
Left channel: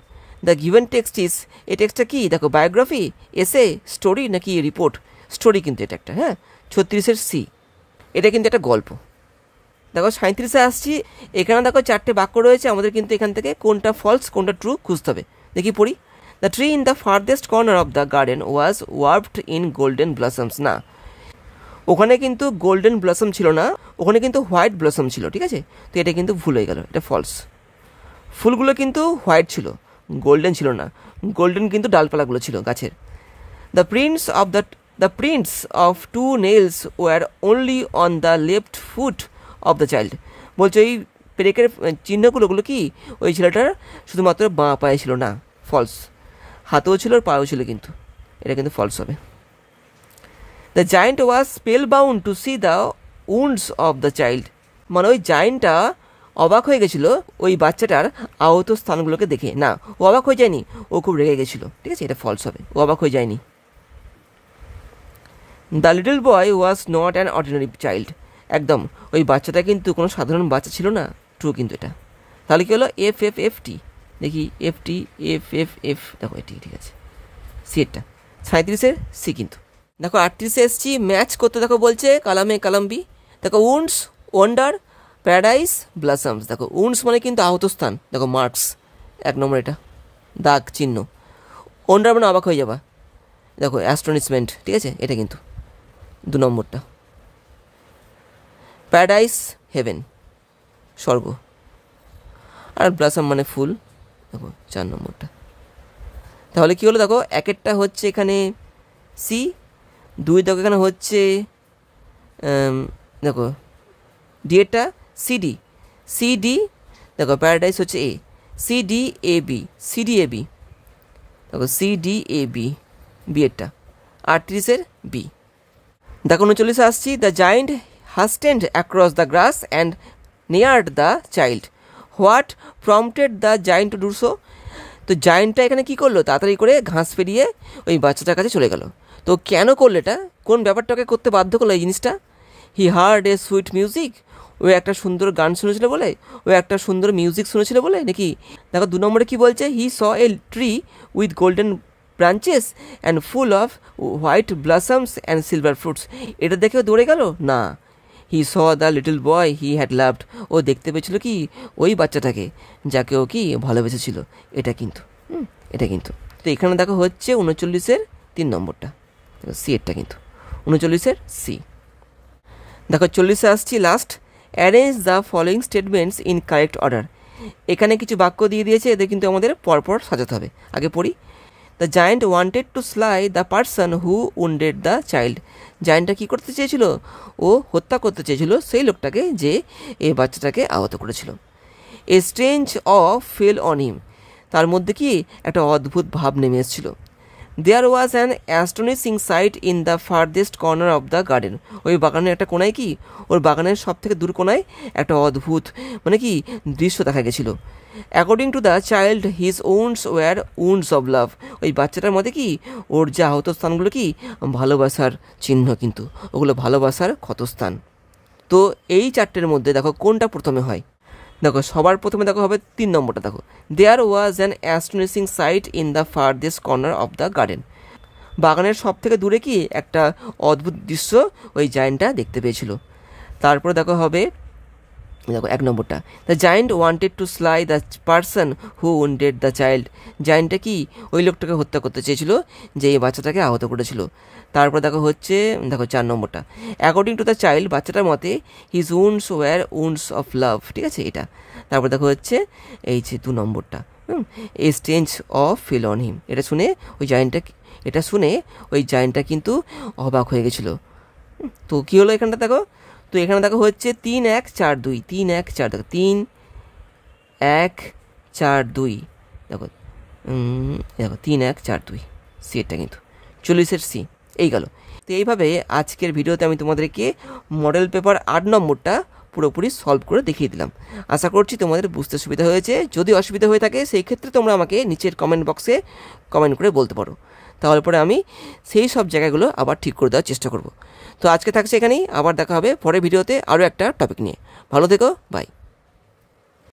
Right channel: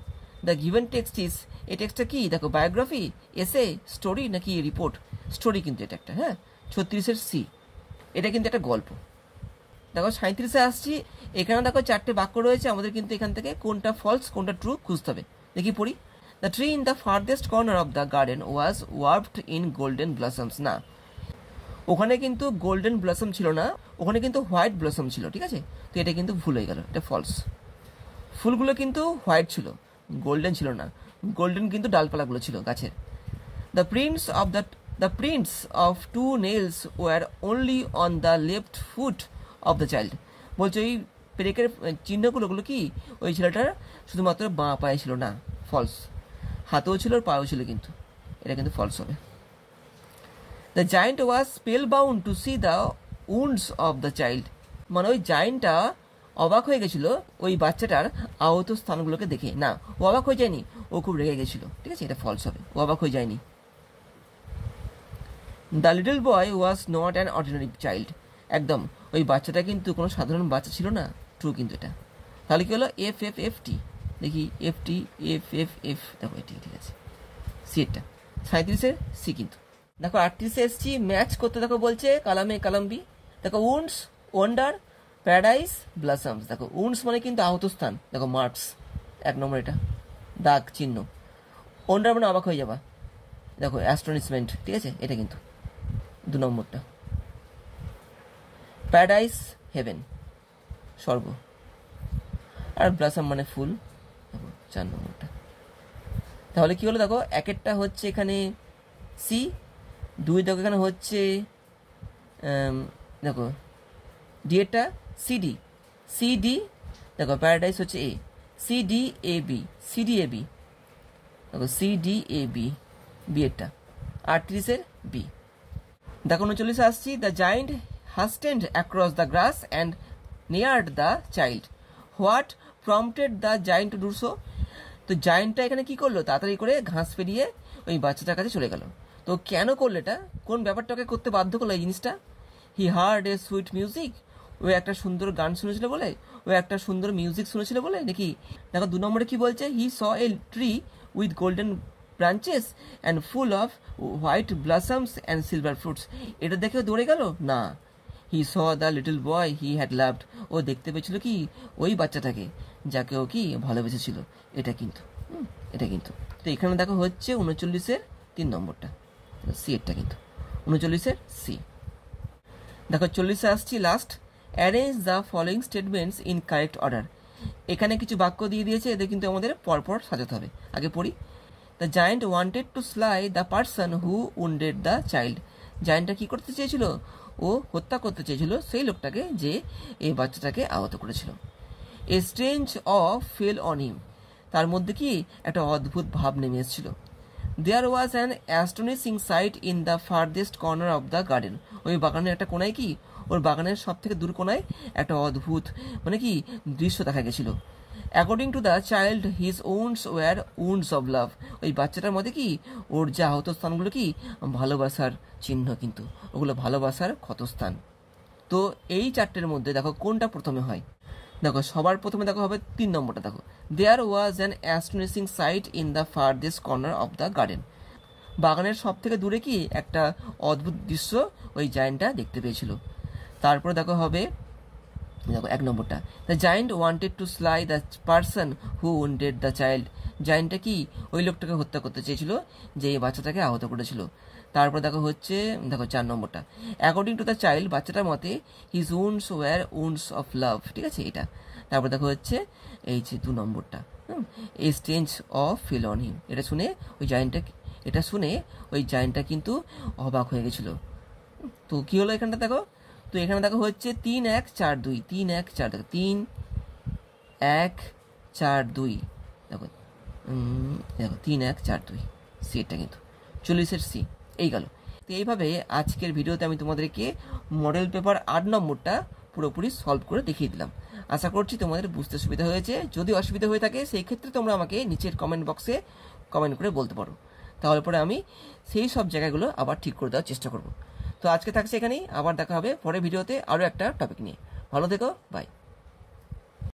দ্য গিভেন টেক্সট ইজ, এই টেক্সটটা কি, দেখো বায়োগ্রাফি, এসে, স্টোরি নাকি রিপোর্ট, স্টোরি কিন্তু এটা একটা, হ্যাঁ 36-এর সি, এটা কিন্তু একটা গল্প। দেখো 37-এ আসছি, এখানে দেখো 4টে বাক্য রয়েছে, আমাদের কিন্তু এখান থেকে কোনটা ফলস কোনটা ট্রু খুঁজতে হবে। দেখি পড়ি, the tree in the farthest corner of the garden was warped in golden blossoms. না, ওখানে কিন্তু গোল্ডেন ব্লসম ছিল না, ওখানে কিন্তু হোয়াইট ব্লসম ছিল, ঠিক আছে? তো এটা কিন্তু ভুল হয়ে গেল, এটা ফলস। ফুলগুলো কিন্তু হোয়াইট ছিল, গোল্ডেন ছিল না, গোল্ডেন কিন্তু ডালপালাগুলো ছিল গাছের। The prints of 2 nails were only on the left foot of the child. বলছে এই পেরেকের চিহ্নগুলোগুলো কি ওই ছেলেটার শুধুমাত্র বাঁ পায়ে ছিল, না, ফলস। হাতেও ছিল আর পায়েও ছিল, কিন্তু এটা কিন্তু ফলস হবে। The giant was spell bound to C the wounds of the child. মানে ওই জায়েন্টটা অবাক হয়ে গেছিল ওই বাচ্চাটার আহত স্থানগুলোকে দেখে। না, ও অবাক হয়ে যায়নি, ও খুব রেগে গেছিল, ঠিক আছে? এটা ফলস হবে, ও অবাক হয়ে যায়নি। The little boy was not an ordinary child. একদম, ওই বাচ্চাটা কিন্তু কোনো সাধারণ বাচ্চা ছিল না, ট্রু কিন্তু এটা। তাহলে কি হলো? এফ এফ এফ টি, দেখি F T F F F, দেখো এটি ঠিক আছে, সি এরটা 37-এর সি কিন্তু। দেখো 38-এ এসছি ম্যাচ করতে, দেখো বলছে কালামে কালাম্বি। দেখো উন্ডস, ওয়ান্ডার, প্যারাডাইস, ব্লাসমস। দেখো উন্ডস মানে কিন্তু আহত স্থান, দেখো মার্কস 1 নম্বর, এটা দাগ চিহ্ন। ওয়ান্ডার মানে অবাক হয়ে যাবা, দেখো অ্যাস্টনিশমেন্ট, ঠিক আছে? এটা কিন্তু 2 নম্বরটা। প্যারাডাইস হেভেন, স্বর্গ। আর ব্লাসম মানে ফুল, দেখো 4 নম্বরটা। তাহলে কি হলো? দেখো একেরটা হচ্ছে এখানে সি, 2 দেখো এখানে হচ্ছে দেখো ডি এরটা সিডি, সিডি। দেখো প্যারাডাইস হচ্ছে A, CD A B, CD A B, দেখো সিডি এ বি, বি এরটা 38-এর বি। দেখো 39-এ আসছি। The giant hastened across the grass and neared the child. What prompted the giant to do so? তো জায়েন্টটা এখানে কী করলো? তাড়াতাড়ি করে ঘাস পেরিয়ে ওই বাচ্চাটার কাছে চলে গেল। তো কেন করলো এটা? কোন ব্যাপারটাকে করতে বাধ্য করলো এই জিনিসটা? He heard a sweet music. ও একটা সুন্দর গান শুনেছিল বলে, ও একটা সুন্দর মিউজিক শুনেছিল বলে নাকি? দেখো 2 নম্বরে কী বলছে? He saw a tree with golden branches and full of white blossoms and silver fruits. এটা দেখেও দৌড়ে গেল? না, he saw the little boy he had loved. ও দেখতে পেয়েছিল কি ওই বাচ্চাটাকে যাকে ও কি ভালোবেসেছিল। এটা কিন্তু এটা কিন্তু। তো এখানে দেখো হচ্ছে 39-এর 3 নম্বরটা, সি এরটা কিন্তু 39-এর সি। দেখো 40-এ আসছি last. Arrange the following statements in correct order. এখানে কিছু বাক্য দিয়ে দিয়েছে, এদের কিন্তু আমাদের পরপর সাজাতে হবে। আগে পড়ি। The giant wanted to slay the person who wounded the child. জায়েন্টটা কী করতে চেয়েছিল? ও হত্যা করতে চেয়েছিল সেই লোকটাকে যে এই বাচ্চাটাকে আহত করেছিল। A strange awe fell on him. তার মধ্যে কি একটা অদ্ভুত ভাব নেমে এসেছিল। There was an astonishing sight in the farthest corner of the garden. ওই বাগানের একটা কোনায় কি, ওর বাগানের সব থেকে দূর কোনায় একটা অদ্ভুত মানে কি দৃশ্য দেখা গেছিলো। According to the child his wounds were wounds of love. ওই বাচ্চাটার মধ্যে কি ওর যে আহত স্থানগুলো কি ভালোবাসার চিহ্ন, কিন্তু ওগুলো ভালোবাসার ক্ষতস্থান। তো এই 4টের মধ্যে দেখো কোনটা প্রথমে হয়? দেখো সবার প্রথমে দেখো হবে 3 নম্বরটা। দেখো there was an astonishing sight in the farthest corner of the garden. বাগানের সব থেকে দূরে কি একটা অদ্ভুত দৃশ্য ওই জায়েন্টটা দেখতে পেয়েছিল। তারপরে দেখো হবে দেখো 1 নম্বরটা। The giant wanted to slay the person who wounded the child. জায়েন্টটা কি ওই লোকটাকে হত্যা করতে চেয়েছিল যে এই বাচ্চাটাকে আহত করেছিল। তারপর দেখো হচ্ছে দেখো 4 নম্বরটা। অ্যাকর্ডিং টু দ্য চাইল্ড, বাচ্চাটার মতে his wounds were wounds of love, ঠিক আছে এটা। তারপর দেখো হচ্ছে এই যে 2 নম্বরটা, a strange awe fell on him. এটা শুনে ওই জায়েন্টটা কিন্তু অবাক হয়ে গেছিলো। তো কী হলো এখানটা দেখো? তো এখানে দেখো হচ্ছে 3 1 4 2, 3 1 4, দেখো 3 1 4 2, দেখো দেখো 3 1 4 2, সি এটা কিন্তু 40-এর সি। এই গেল। তো এইভাবে আজকের ভিডিওতে আমি তোমাদেরকে মডেল পেপার 8 নম্বরটা পুরোপুরি সলভ করে দেখিয়ে দিলাম। আশা করছি তোমাদের বুঝতে সুবিধা হয়েছে। যদি অসুবিধা হয়ে থাকে সেই ক্ষেত্রে তোমরা আমাকে নিচের কমেন্ট বক্সে কমেন্ট করে বলতে পারো, তাহলে পরে আমি সেই সব জায়গাগুলো আবার ঠিক করে দেওয়ার চেষ্টা করব। তো আজকে থাকছে এখানেই, আবার দেখা হবে পরের ভিডিওতে আরও একটা টপিক নিয়ে। ভালো থেকো, বাই।